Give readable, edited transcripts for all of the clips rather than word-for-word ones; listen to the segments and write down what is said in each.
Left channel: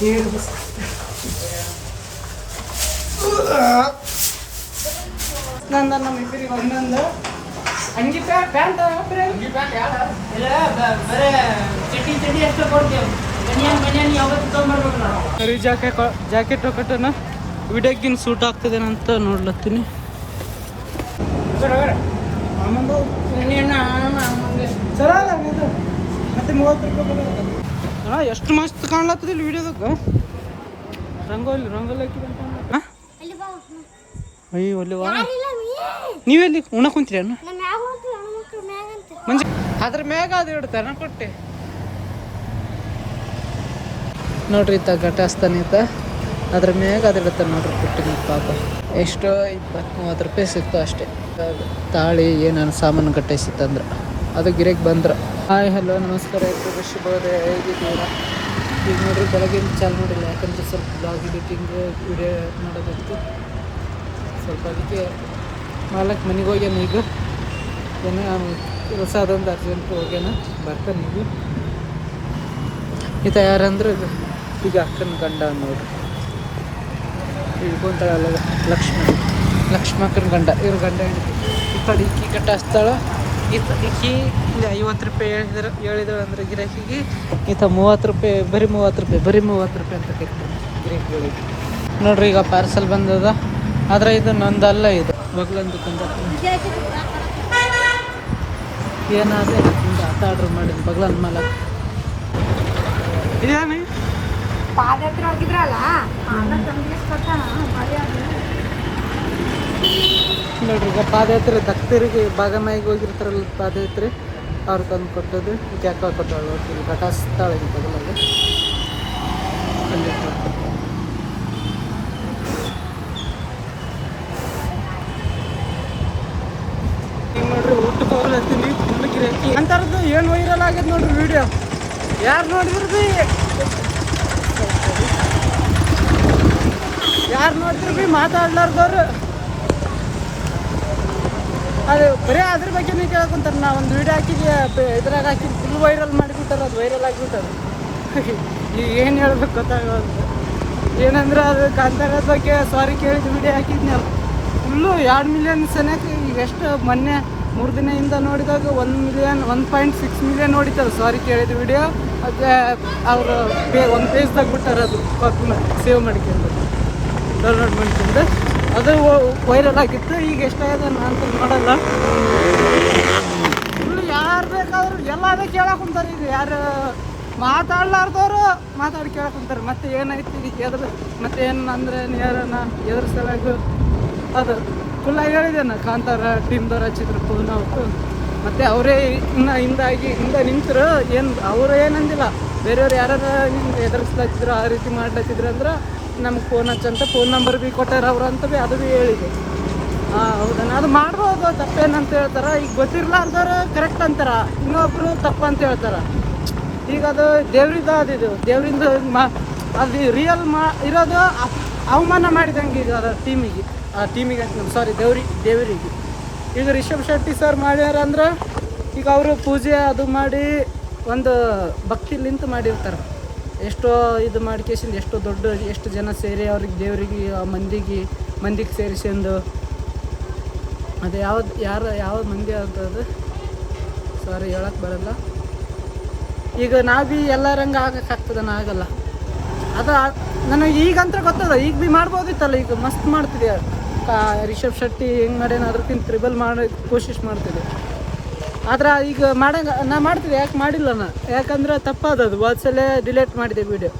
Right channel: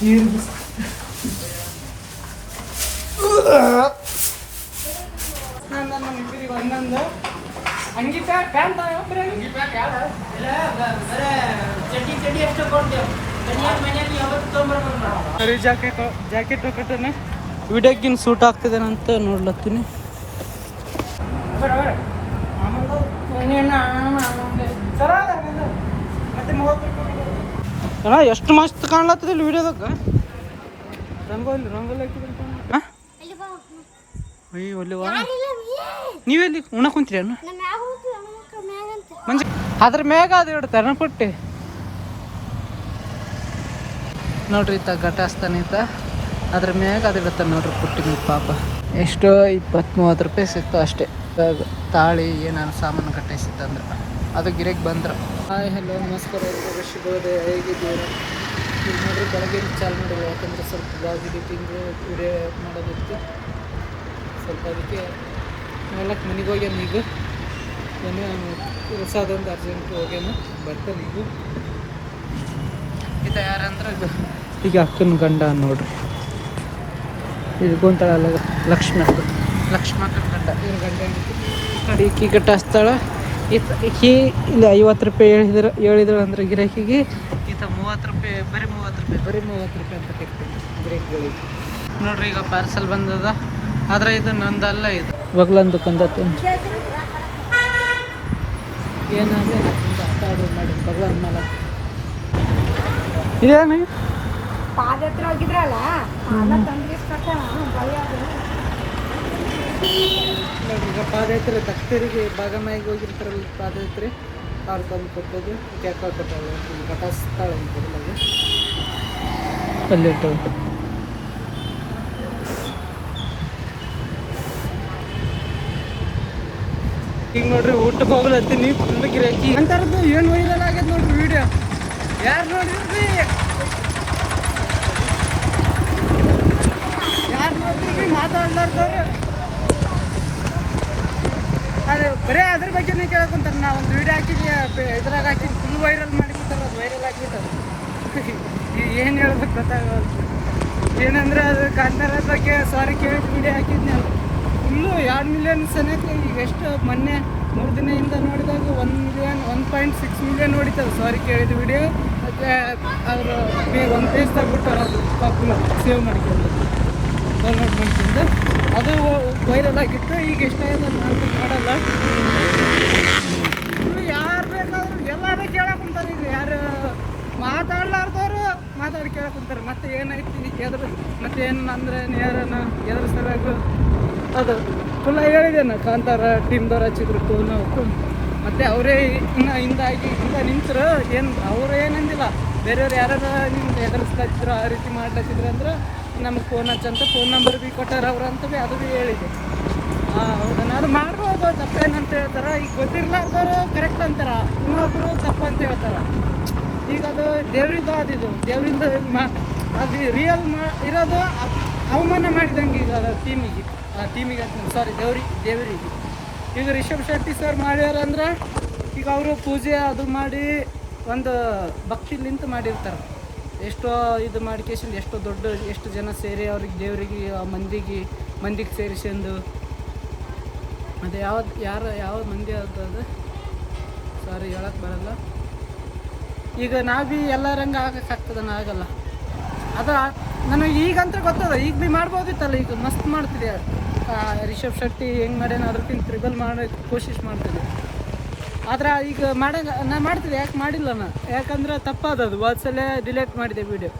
ನೀರು ನಂದು ನಮ್ಮ ಇಬ್ಬರಿಗೆ ಒಂದೊಂದು ಅಂಗಿ ಪ್ಯಾಂಟ್ ಬರೀ ಅಂಗಿ ಪ್ಯಾಂಟ್ ಚಡ್ಡಿ ಚಡ್ಡಿ ಅಷ್ಟೇ ಕೊಡ್ತೇವೆ ಬನ್ಯಾನ್ ಯಾವತ್ತು ತೊಗೊಂಬರ್ಬೇಕು ನಾವು ಸರಿ ಜಾಕೆಟ್ ಹೊಕಟನ ವಿಡಿಯೋಗಿನ್ ಸೂಟ್ ಆಗ್ತದೇನಂತ ನೋಡ್ಲತ್ತೀನಿ ಚಲೋ ಅದ ಇದು ಮತ್ತೆ 30 ರೂಪಾಯಿ ಎಷ್ಟು ಮಸ್ತ್ ಕಾಣ್ಲತ್ತದಿಲ್ಲ ವಿಡಿಯೋದಾಗ ರಂಗೋಲಿ ಹಾಕಿದಂತ ಅಯ್ಯೋ ಒಲ್ಲಿ ನೀವೆಲ್ಲಿ ಉಣ ಕುಂತೀರಿ ಅಣ್ಣ ಮಂಜ ಅದ್ರ ಮ್ಯಾಗ ಅದು ಇಡ್ತಾರ ಪುಟ್ಟಿ ನೋಡ್ರಿ ಈತ ಘಟಾಸ್ತಾನ ಈತ ಅದ್ರ ಮ್ಯಾಗ ಅದು ಇಡ್ತಾನೆ ನೋಡ್ರಿ ಪುಟ್ಟಿನ ಪಾಪ ಎಷ್ಟೋ 20-30 ರೂಪಾಯಿ ಸಿಕ್ತು ಅಷ್ಟೇ ತಾಳಿ ಏನಾನ ಸಾಮಾನು ಗಟ್ಟೈಸಿತ್ತಂದ್ರೆ ಅದು ಗಿರಕ್ಕೆ ಬಂದ್ರೆ ಹಾಯ್ ಹಲೋ ನಮಸ್ಕಾರ ಎಲ್ರಿಗೂ ಶುಭೋದಯ ಹೇಗಿದ್ದೀರಾ ಈಗ ನೋಡ್ರಿ ಬೆಳಗಿನ ಚಾಲು ಮಾಡಿಲ್ಲ ಯಾಕಂದರೆ ಸ್ವಲ್ಪ ಬ್ಲಾಗ್ ಎಡಿಟಿಂಗ್ ವಿಡಿಯೋ ಮಾಡೋದಿತ್ತು ಸ್ವಲ್ಪ ಅದಕ್ಕೆ 4 ಮನೆಗೆ ಹೋಗ್ಯಾನ ಈಗ ಏನೋ ಕೆಲಸ ಅದೊಂದು ಅರ್ಜೆಂಟ್ ಹೋಗ್ಯಾನ ಬರ್ತಾನೆ ಈಗ ಈತ ಯಾರಂದ್ರೆ ಈಗ ಅಕ್ಕನ ಗಂಡ ನೋಡ್ರಿ ಇಳ್ಕೊಂತ ಲಕ್ಷ್ಮಕ್ಕನ ಗಂಡ ಇವ್ರ ಗಂಡ ಈ ಕಡೆ ಈಕಿ ಗಟ್ಟ ಹಚ್ತಾಳ ಈಕಿ ಇಲ್ಲಿ 50 ರೂಪಾಯಿ ಹೇಳಿದ್ರು ಅಂದ್ರೆ ಗಿರಾಕಿಗೆ ಈತ 30 ರೂಪಾಯಿ ಬರೀ 30 ರೂಪಾಯಿ ಅಂತ ಕರಿತೇನೆ ಗಿರಾಕಿಗಳಿಗೆ ನೋಡ್ರಿ ಈಗ ಪಾರ್ಸಲ್ ಬಂದದ ಆದ್ರೆ ಇದು ನಂದಲ್ಲ ಇದು ಬಗ್ಲಂದು ಕೊಂದತ್ತು ಏನಾದ್ರೆ ಆತ ಆರ್ಡ್ರ್ ಮಾಡಿ ಬಗ್ಲಂದು ಮಾಲಕ್ ಏನು ಪಾದಯಾತ್ರೆ ಹೋಗಿದ್ರಲ್ಲ ನೋಡ್ರಿ ಈಗ ಪಾದಯಾತ್ರೆ ದಕ್ತರಿಗೆ ಭಾಗಮಾಯಿಗೆ ಹೋಗಿರ್ತಾರಲ್ಲ ಪಾದಯಾತ್ರೆ ಅವ್ರು ತಂದು ಕೊಟ್ಟದ್ದು ಕ್ಯಾಕ ಕೊಟ್ಟಾಳು ಇಲ್ಲಿ ಘಟಾಸ್ತಾಳೆ ಇಂಥ ಬದಲಾಗ ಕಲ್ಲಿಟ್ಟು ಈಗ ನೋಡ್ರಿ ಊಟಕ್ಕೆ ಹೋಗ್ಲತ್ತೀನಿ ಫುಲ್ ಗಿರಾಕಿ ಅಂತರದ್ದು ಏನು ವೈರಲ್ ಆಗ್ಯದ ನೋಡ್ರಿ ವಿಡಿಯೋ ಯಾರು ನೋಡಿದ್ರಿ ಮಾತಾಡ್ಲಾರ್ದವ್ರು ಅದು ಬರೀ ಅದ್ರ ಬಗ್ಗೆನೇ ಕೇಳ್ಕೊಂತಾರೆ ನಾ ಒಂದು ವಿಡಿಯೋ ಹಾಕಿದ್ವಿ ಇದ್ರಾಗ ಹಾಕಿದ್ದು ಫುಲ್ ವೈರಲ್ ಮಾಡಿಬಿಟ್ಟಾರ ಅದು ವೈರಲ್ ಆಗಿಬಿಟ್ಟದು ಈಗ ಏನು ಹೇಳ್ಬೇಕು ಗೊತ್ತಾಗಲ್ಲ ಏನಂದ್ರೆ ಅದು ಕಾಂತಾರದ ಬಗ್ಗೆ ಸಾರಿ ಕೇಳಿದ ವಿಡಿಯೋ ಹಾಕಿದ್ನಲ್ಲ ಫುಲ್ಲು 2 ಮಿಲಿಯನ್ ಸನೇಕ ಈಗ ಎಷ್ಟು ಮೊನ್ನೆ 3 ದಿನದಿಂದ ನೋಡಿದಾಗ 1.6 ಮಿಲಿಯನ್ ನೋಡಿತಾರೆ ಸಾರಿ ಕೇಳಿದ ವಿಡಿಯೋ ಅದೇ ಅವರು ಒಂದು ಪೇಜ್ದಾಗ ಬಿಟ್ಟಾರ ಅದು ಸೇವ್ ಮಾಡ್ಕೊಂಡು ಡೌನ್ಲೋಡ್ ಮಾಡ್ಕೊಂಡು ಅದು ವೈರಲ್ ಆಗಿತ್ತು ಈಗ ಎಷ್ಟಾಗಿದೆ ಅಂತ ನೋಡಲ್ಲ ಫುಲ್ ಯಾರು ಬೇಕಾದ್ರೂ ಎಲ್ಲ ಕೇಳಕ್ಕೆ ಕುಂತಾರೆ ಈಗ ಯಾರು ಮಾತಾಡ್ಲಾರ್ದವರು ಮಾತಾಡಿ ಕೇಳಕ್ಕೆ ಕುಂತಾರೆ ಮತ್ತೆ ಏನಾಯ್ತು ಈಗ ಎದುರು ಮತ್ತೆ ಏನು ಅಂದ್ರೆ ಯಾರನ್ನ ಎದುರು ಸಲದ್ದು ಅದು ಫುಲ್ಲ ಹೇಳಿದ್ದೇನೆ ಕಾಂತಾರ ಟೀಮ್ದವ್ರು ಹಚ್ಚಿದ್ರು ಫೋನ್ ಅವತ್ತು ಮತ್ತು ಅವರೇ ಹಿಂದೆ ನಿಂತರು ಏನು ಅವರು ಏನಂದಿಲ್ಲ ಬೇರೆಯವ್ರು ಯಾರು ನಿಂಗೆ ಎದುರಿಸ್ಲತ್ತಿದ್ರು ಆ ರೀತಿ ಮಾಡ್ಲತ್ತಿದ್ರು ಅಂದ್ರೆ ನಮಗೆ ಫೋನ್ ಹಚ್ಚಂತ ಫೋನ್ ನಂಬರ್ ಭೀ ಕೊಟ್ಟಾರ ಅವ್ರು ಅಂತ ಭೀ ಅದು ಭೀ ಹೇಳಿದೆ ಹೌದಣ್ಣ ಅದು ಮಾಡ್ಬೋದು ತಪ್ಪೇನಂತ ಹೇಳ್ತಾರೆ ಈಗ ಗೊತ್ತಿರ್ಲಾರ್ದವ್ರು ಕರೆಕ್ಟ್ ಅಂತಾರ ಇನ್ನೊಬ್ಬರು ತಪ್ಪಂತ ಹೇಳ್ತಾರೆ ಈಗ ಅದು ದೇವ್ರಿಗೆ ಅದಿದು ದೇವ್ರಿಂದ ಅದು ರಿಯಲ್ ಇರೋದು ಅವಮಾನ ಮಾಡಿದಂಗೆ ಈಗ ಅದು ಟೀಮಿಗೆ ಅಂತ ಸಾರಿ ದೇವರಿಗೆ ಈಗ ರಿಷಬ್ ಶೆಟ್ಟಿ ಸರ್ ಮಾಡ್ಯಾರ ಅಂದ್ರೆ ಈಗ ಅವರು ಪೂಜೆ ಅದು ಮಾಡಿ ಒಂದು ಭಕ್ತಿಲಿಂತ ಮಾಡಿರ್ತಾರೆ ಎಷ್ಟೋ ಇದು ಮಾಡ್ಕೇಸಿಂದ ಎಷ್ಟು ಜನ ಸೇರಿ ಅವ್ರಿಗೆ ದೇವರಿಗೆ ಮಂದಿಗೆ ಸೇರಿಸ್ಕೊಂಡು ಅದು ಯಾವ ಮಂದಿ ಅಂತದು ಸಾರಿ ಹೇಳಕ್ಕೆ ಬರಲ್ಲ ಈಗ ನಾವು ಭೀ ಎಲ್ಲರಂಗೆ ಆಗಕ್ಕಾಗ್ತದ ಆಗಲ್ಲ ಅದು ನನಗೆ ಈಗಂತ ಗೊತ್ತದ ಈಗ ಭೀ ಮಾಡ್ಬೋದಿತ್ತಲ್ಲ ಈಗ ಮಸ್ತ್ ಮಾಡ್ತಿದೆ ರಿಷಬ್ ಶೆಟ್ಟಿ ಹೆಂಗೆ ಮಾಡ್ಯಾನ ಅದಕ್ಕಿಂತ ಟ್ರಿಬಲ್ ಮಾಡೋ ಕೋಶಿಶ್ ಮಾಡ್ತಿದ್ದೆ ಆದ್ರೆ ಈಗ ನಾ ಮಾಡ್ತಿದ್ದೆ ಯಾಕೆ ಮಾಡಿಲ್ಲ ನಾ ಯಾಕಂದ್ರೆ ತಪ್ಪಾದದು ಸಲ ಡಿಲೇಟ್ ಮಾಡಿದೆ ವಿಡಿಯೋ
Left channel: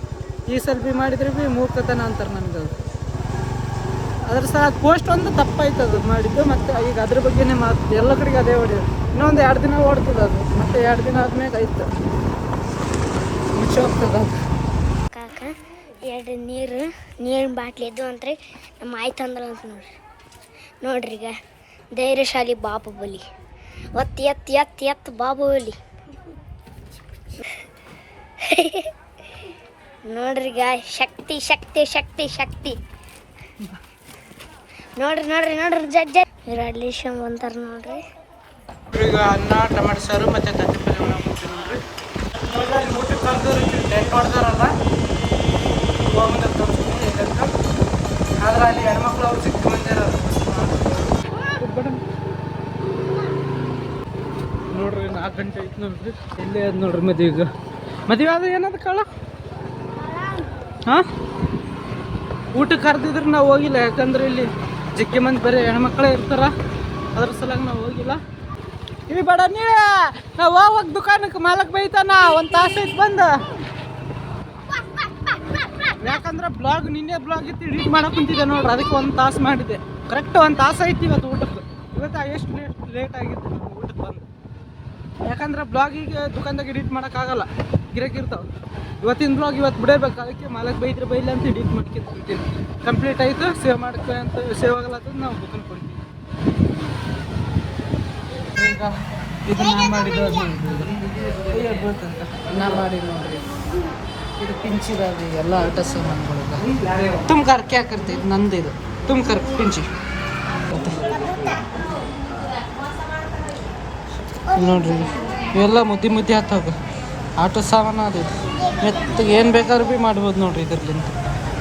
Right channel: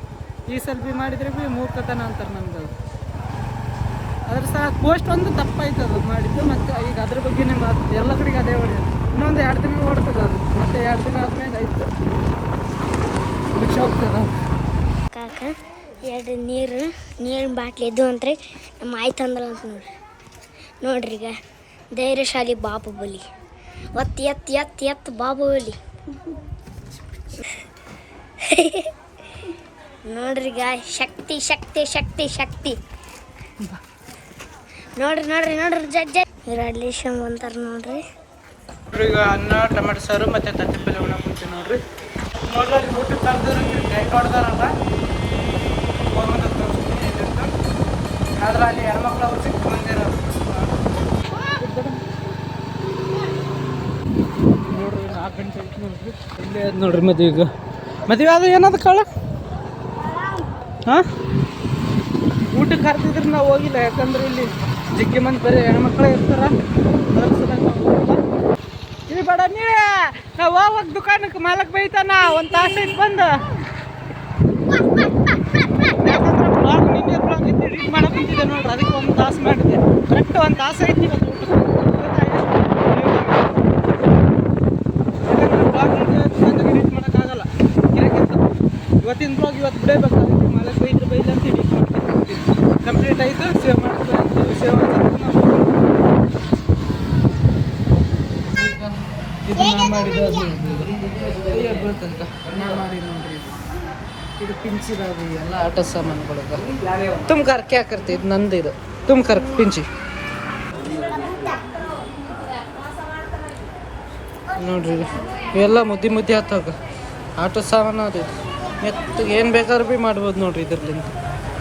ಈ ಸಲ ಭೀ ಮಾಡಿದ್ರೆ ಭೀ ಮೂರ್ಖತನ ಅಂತಾರೆ ನನಗೆ ಅದು ಅದ್ರ ಸಹ ಪೋಸ್ಟ್ ಒಂದು ತಪ್ಪಾಯ್ತದು ಮಾಡಿದ್ದು ಮತ್ತು ಈಗ ಅದ್ರ ಬಗ್ಗೆನೇ ಮಾತು ಎಲ್ಲ ಕಡೆಗೆ ಅದೇ ಹೊಡೆಯೋದು ಇನ್ನೊಂದು 2 ದಿನ ಓಡ್ತದೆ ಅದು ಮತ್ತೆ 2 ದಿನ ಆದ್ಮೇಲೆ ಆಯ್ತು ಮುಚ್ಚಿ ಹೋಗ್ತದ ಕಾಕ 2 ನೀರಿನ ಬಾಟ್ಲಿ ಎದ್ದು ಅಂತಾರೆ ನಮ್ಮ ಆಯ್ತು ಅಂದ್ರ ಅಂತ ನೋಡ್ರಿ ಈಗ ಧೈರ್ಯಶಾಲಿ ಬಾಹುಬಲಿ ಎತ್ತು ಬಾಹುಬಲಿ ನೋಡ್ರಿ ಈಗ ಶಕ್ತಿ ನೋಡ್ರಿ ಜಡ್ಜ್ ವಿರಾಡ್ಲೇಶಮ್ ಅಂತಾರೆ ನೋಡ್ರಿ ಈಗ ಅನ್ನ ಟೊಮೆಟೊ ಸಾರು ಮತ್ತು ತತ್ತಿ ಪಲ್ಯ ಉಣ್ಣಕ್ಕೆ ನೋಡ್ರಿ ಊಟಕ್ಕೆ ಕರೆದಿರೋ ಹೊಡ್ದಾರಲ್ಲ ಹೋಗ್ಬಂದಾಗ ತೋರಿಸ್ತೀನಿ ಎಲ್ಲಿಂದ. ಆದ್ರೆ ಅಲ್ಲಿ ಹೆಣ್ಮಕ್ಳು ಅವ್ರು ಸಿಕ್ಕ ಮಂದಿ ಇರೋದು ನೋಡ್ರಿ 4 ಗಂಟೆ ಐತೆ ನೋಡ್ರಿ. ಇಲ್ಲೇ ಅದು ನೋಡ್ರಿ ಮದುವೆ ಅದು ಏನದು ಕಾಳ ಹಾಂ ಊಟಕ್ಕೆ ಕರೆದಿದ್ರೆ ನಾವು ಹೋಗಿಲ್ಲ. ಯಾಕಂದ್ರೆ ಇಲ್ಲಿ ಜಿಗ್ಗಿ ಮಂದಿ ಬರೀ ಹೆಣ್ಮಕ್ಳೇ ಇರ್ತಾರ. ಅದ್ರ ಸಲುವಾಗಿ ನಾವು ಹೋಗಿಲ್ಲ. ಇಲ್ಲಿ ಬೇಡ ನೀವೇ ನಾವು ಹೋಗ್ವಾಗ ದುಕಾನಕ್ಕೆ ಮಾಲಕ್ ಬೈತಾನ 1 ತಾಸು ಇಟ್ಟು ಬಂದು. ಯಾಕಂದ್ರೆ ನಿನ್ನೆ ಬ್ಲಾಗ್ ಇತ್ತು ಎಡಿಟ್ ಮಾಡಕ್ಕೆ ಕುಂತಿದ್ದೆ ನೋಡ್ರಿ. ಅದಕ್ಕೆ 1 ತಾಸು ಮಾಡಿದೆ. ಕರೆಕ್ಟ್ 1 ತಾಸು ಐತಿ ಇವತ್ತು ಊಟಕ್ಕೆ. ಯಾಕಂದ್ರೆ ಬ್ಲಾಗ್ ಈಗ ದುಕಾನ್ದಾಗ ಎಡಿಟ್ ಮಾಡೋಕ್ಕಾಗಲ್ಲ, ಗಿರಕ್ಕಿರ್ತಾವ. ಇವತ್ತಿನ ಬ್ಲಾಗ್ ಇವತ್ತು ಬಿಡಬೇಕು. ಅದಕ್ಕೆ ಮಾಲಕ್ ಬೈದ್ರೆ ಬೈಲ್ಲ ಅಂತ ಎಡಿಟ್ ಮಾಡ್ತೀನಿ. ಕಂಪ್ಲೀಟ್ ಆಯಿತು. ಸೇವ್ ಮಾಡ್ತೀವಿ ಅಂತ ಸೇವ್ ಅಂತ ನಾವು ಇದು ನಾ ಮಾಡಿದ್ದು. ಅದು ಬೀಳ್ತಂಕ ನಾ ಮಾಡಿದ್ದು ನೋಡ್ರಿ. ಇದು ಪಿಂಚಿದ ಅದು ಎಲ್ಲ ಆಟೋ ಸಾಮಾನುಗಳಿಗೆ ತುಮ್ಕಾರ ಕ್ಯಾಕರ್ತಿ. ಇದು ನಂದು. ಇದು ತುಮ್ಕಾರ ಪಿಂಚಿ ನೋಡ್ರಿ. ಇವೆಲ್ಲ ಮುದ್ದಿ ಹತ್ತಾಗ ಆಟೋ ಸಾಮಾನು ಅದು. ಮೆತ್ತಗೆ ಏನು ಬೇಕಾದ್ರೂ ಭೀ ಮಾಡ್ಬೋದು ನೋಡ್ರಿ ಇದ್ರಲ್ಲಿಂದ.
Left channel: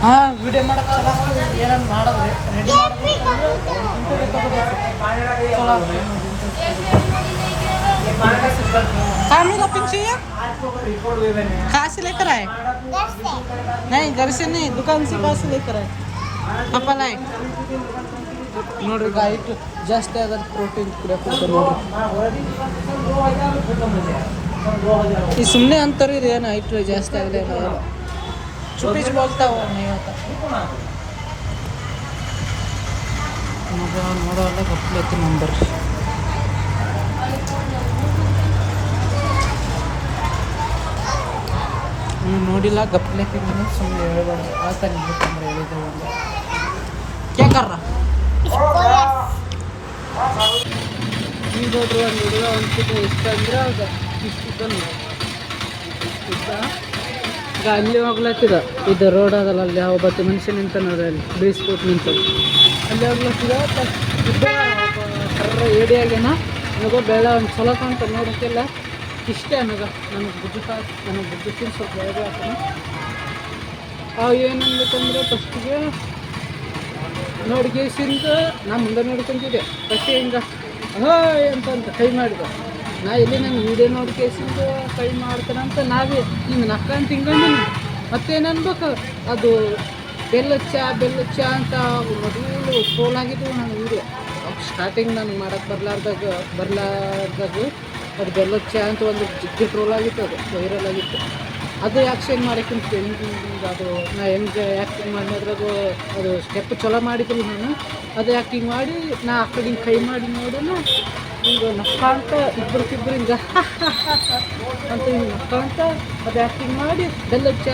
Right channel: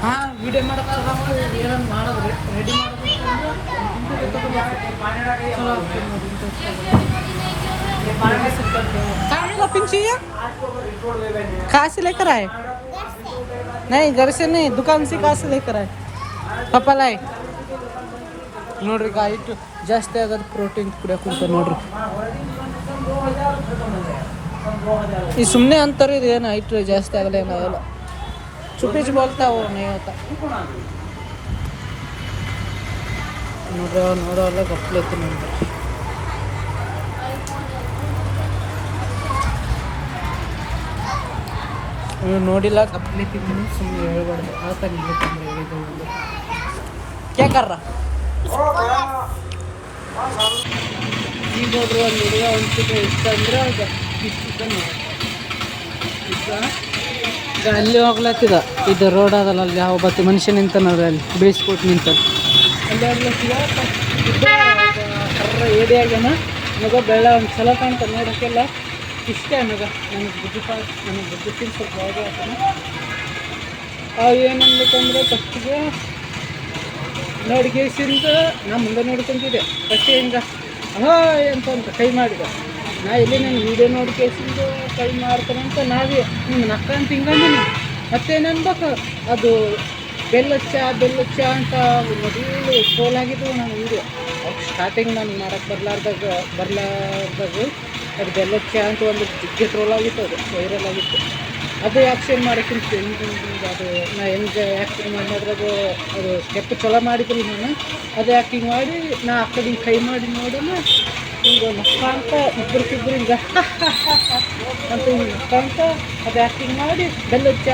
ಹಾಂ ವಿಡಿಯೋ ಮಾಡೋಕ್ಕೆ ಚಲೋ ಆಗ್ತದೆ. ಏನಾದ್ರು ಮಾಡೋದ್ರಿ ರೆಡಿ ಮಾಡೋದು ಚಲೋ ಆಗ್ತದೆ ನೋಡಿ. कामिला पिंची कहाँ से लेकर आए? नहीं घर से नहीं, दुकान से कहाँ से लेकर आए? पापा लाए ನೋಡ್ರಿ. ಹೈಟ್ ಜಾಸ್ತಿ ಆಗೋದು ಪ್ರೋಟೀನ್ ಕುಡಿಯೋಕೆ ನೋಡ್ರಿ. ಈ ಸುಮ್ಮನೆ ಅಂತಾರೆ ಇದು ಏನು ಹೈಟ್ ಜಾಸ್ತಿ ಆಗಲ್ಲ ಏನಾಗಲ್ಲ. ಚುಪ್ಪೀಚ್ ಬೋಲ್ತಾವ ನೀವು ನೋಡ್ರಿ. ನೋಡೋಲ್ಲ ಗಪ್ಲೈತಿ ನಂಬರ್. ನೋಡಿಲ್ಲ ಗಪ್ಲೈತಿದ್ದೀನಿ. ಸುಮ್ಮನೆ ಹೇಳ್ಬಾರ್ದು. ಆತ ನಿಲ್ಬೇಕಂದ್ರೆ ಇದು ಒಂದು ಕ್ಯಾಕರ್ರ. ಈಗ ನೋಡ್ರಿ ಒಂದು ಹುಡುಗ ಒಂದ್ಕಿಂತ ಇಷ್ಟ ಅಂದ್ರೆ ಆಗ ಇಷ್ಟ ನೋಡಿ ಇಷ್ಟ. ಈಗ ಅಲ್ಲಿ ಹೋಗ್ಲತ್ತಿದ. ಇದು ರೋಡ್ ಅದಲ್ಲ, ಅಲ್ಲಿ ಯಾವ ಬತ್ತಿ ಮನುಷ್ಯ ನಿಂತ ನೋಡ್ರಿ. ಅಲ್ಲಿ ಬೀಳಿಸ್ಬಿಟ್ಟು ನಿಂತ ಅಲ್ಲಿ ಹೋಗ್ಲತ್ತಿದ. ಕರ್ರ ಏಡಿ ಆಗ್ಯಾನ. ನನಗೆ ಬೆಳ್ಳ ಒಂದು ಚಲೋ ಕಾಣ್ತದೆ ನೋಡೋಕ್ಕೆಲ್ಲ. ಇಷ್ಟೇ ನನಗೆ ಬುದ್ಧಿ ಸ್ವಲ್ಪ ಬೇಗ ಆಗ್ತಾನ. ಏನನ್ಬೇಕಂದ್ರೆ ಫಸ್ಟಿಗೆ ನೋಡ್ಕೇಸಿಂದ ನಾ ಮುಂದೆ ನೋಡ್ಕೊಂತಿದ್ದೆ. ಫಸ್ಟಿಗೆ ಹಿಂಗೆ ಹಾಯ್ ಅಂತ ಕೈ ಮಾಡಿದೆ. ನಾ ಇಲ್ಲಿ ನನ್ನ ವೀಡಿಯೋ ನೋಡ್ಕೇಸಿಂದ ಕೈ ಮಾಡ್ತಾನಂತ ನಾವೇ ಹಿಂಗೆ ನಕ್ಕ ಅಂತ ಹಿಂಗಂದಿನಿ. ಮತ್ತೇನು ಅನ್ಬೇಕು ಅದು ಬೆಲ್ಲಚ್ಚ ಅಂತ ಮೊದಲು ಫೋಲ್ ಆಗಿದ್ದು ನನ್ನ ವೀಡಿಯೋ. ಸ್ಟಾರ್ಟಿಂಗ್ ನಾನು ಮಾಡೋಕ್ಕೆ ಬರ್ಲಾರ್ದಾಗ ಅದು ಬೆಲ್ಲಚ್ಚ ಅಂತ ಒಂದು ಜಿಗ್ಗೆ ಟ್ರೋಲ್ ಆಗಿತ್ತು. ಅದು ವೈರಲ್ ಆಗಿತ್ತು. ಅದು ಆ್ಯಕ್ಷನ್ ಮಾಡೋಕ್ಕಿಂತ ಹಿಂಗೆ ಅದು ನಾ ಹೆಂಗೆ ಆ್ಯಕ್ಟಿಂಗ್ ಮಾಡಿ ಅದ್ರಾಗ ಅದು ಸ್ಟೆಪ್ ಚಲೋ ಮಾಡಿದ್ರು ನಾನು. ಅದು ಆ್ಯಕ್ಟಿಂಗ್ ಮಾಡಿ ನಾ ಆ ಕಡೆ ಹಿಂಗೆ ಕೈ ಮಾಡಿ ನೋಡೋಣ ಹಿಂಗೆ ನಕ್ಕ ಅಂತ ಇಬ್ಬರಿಗಿಬ್ಬರು ಹಿಂಗೆ ಅಂತ ಹಿಂಗೆ ನಕ್ಕ ಅಂತ ಅದು ಆ್ಯಕ್ಟಿಂಗ್ ಮಾಡಿ ಬೆಲ್ಲಚ್ಚ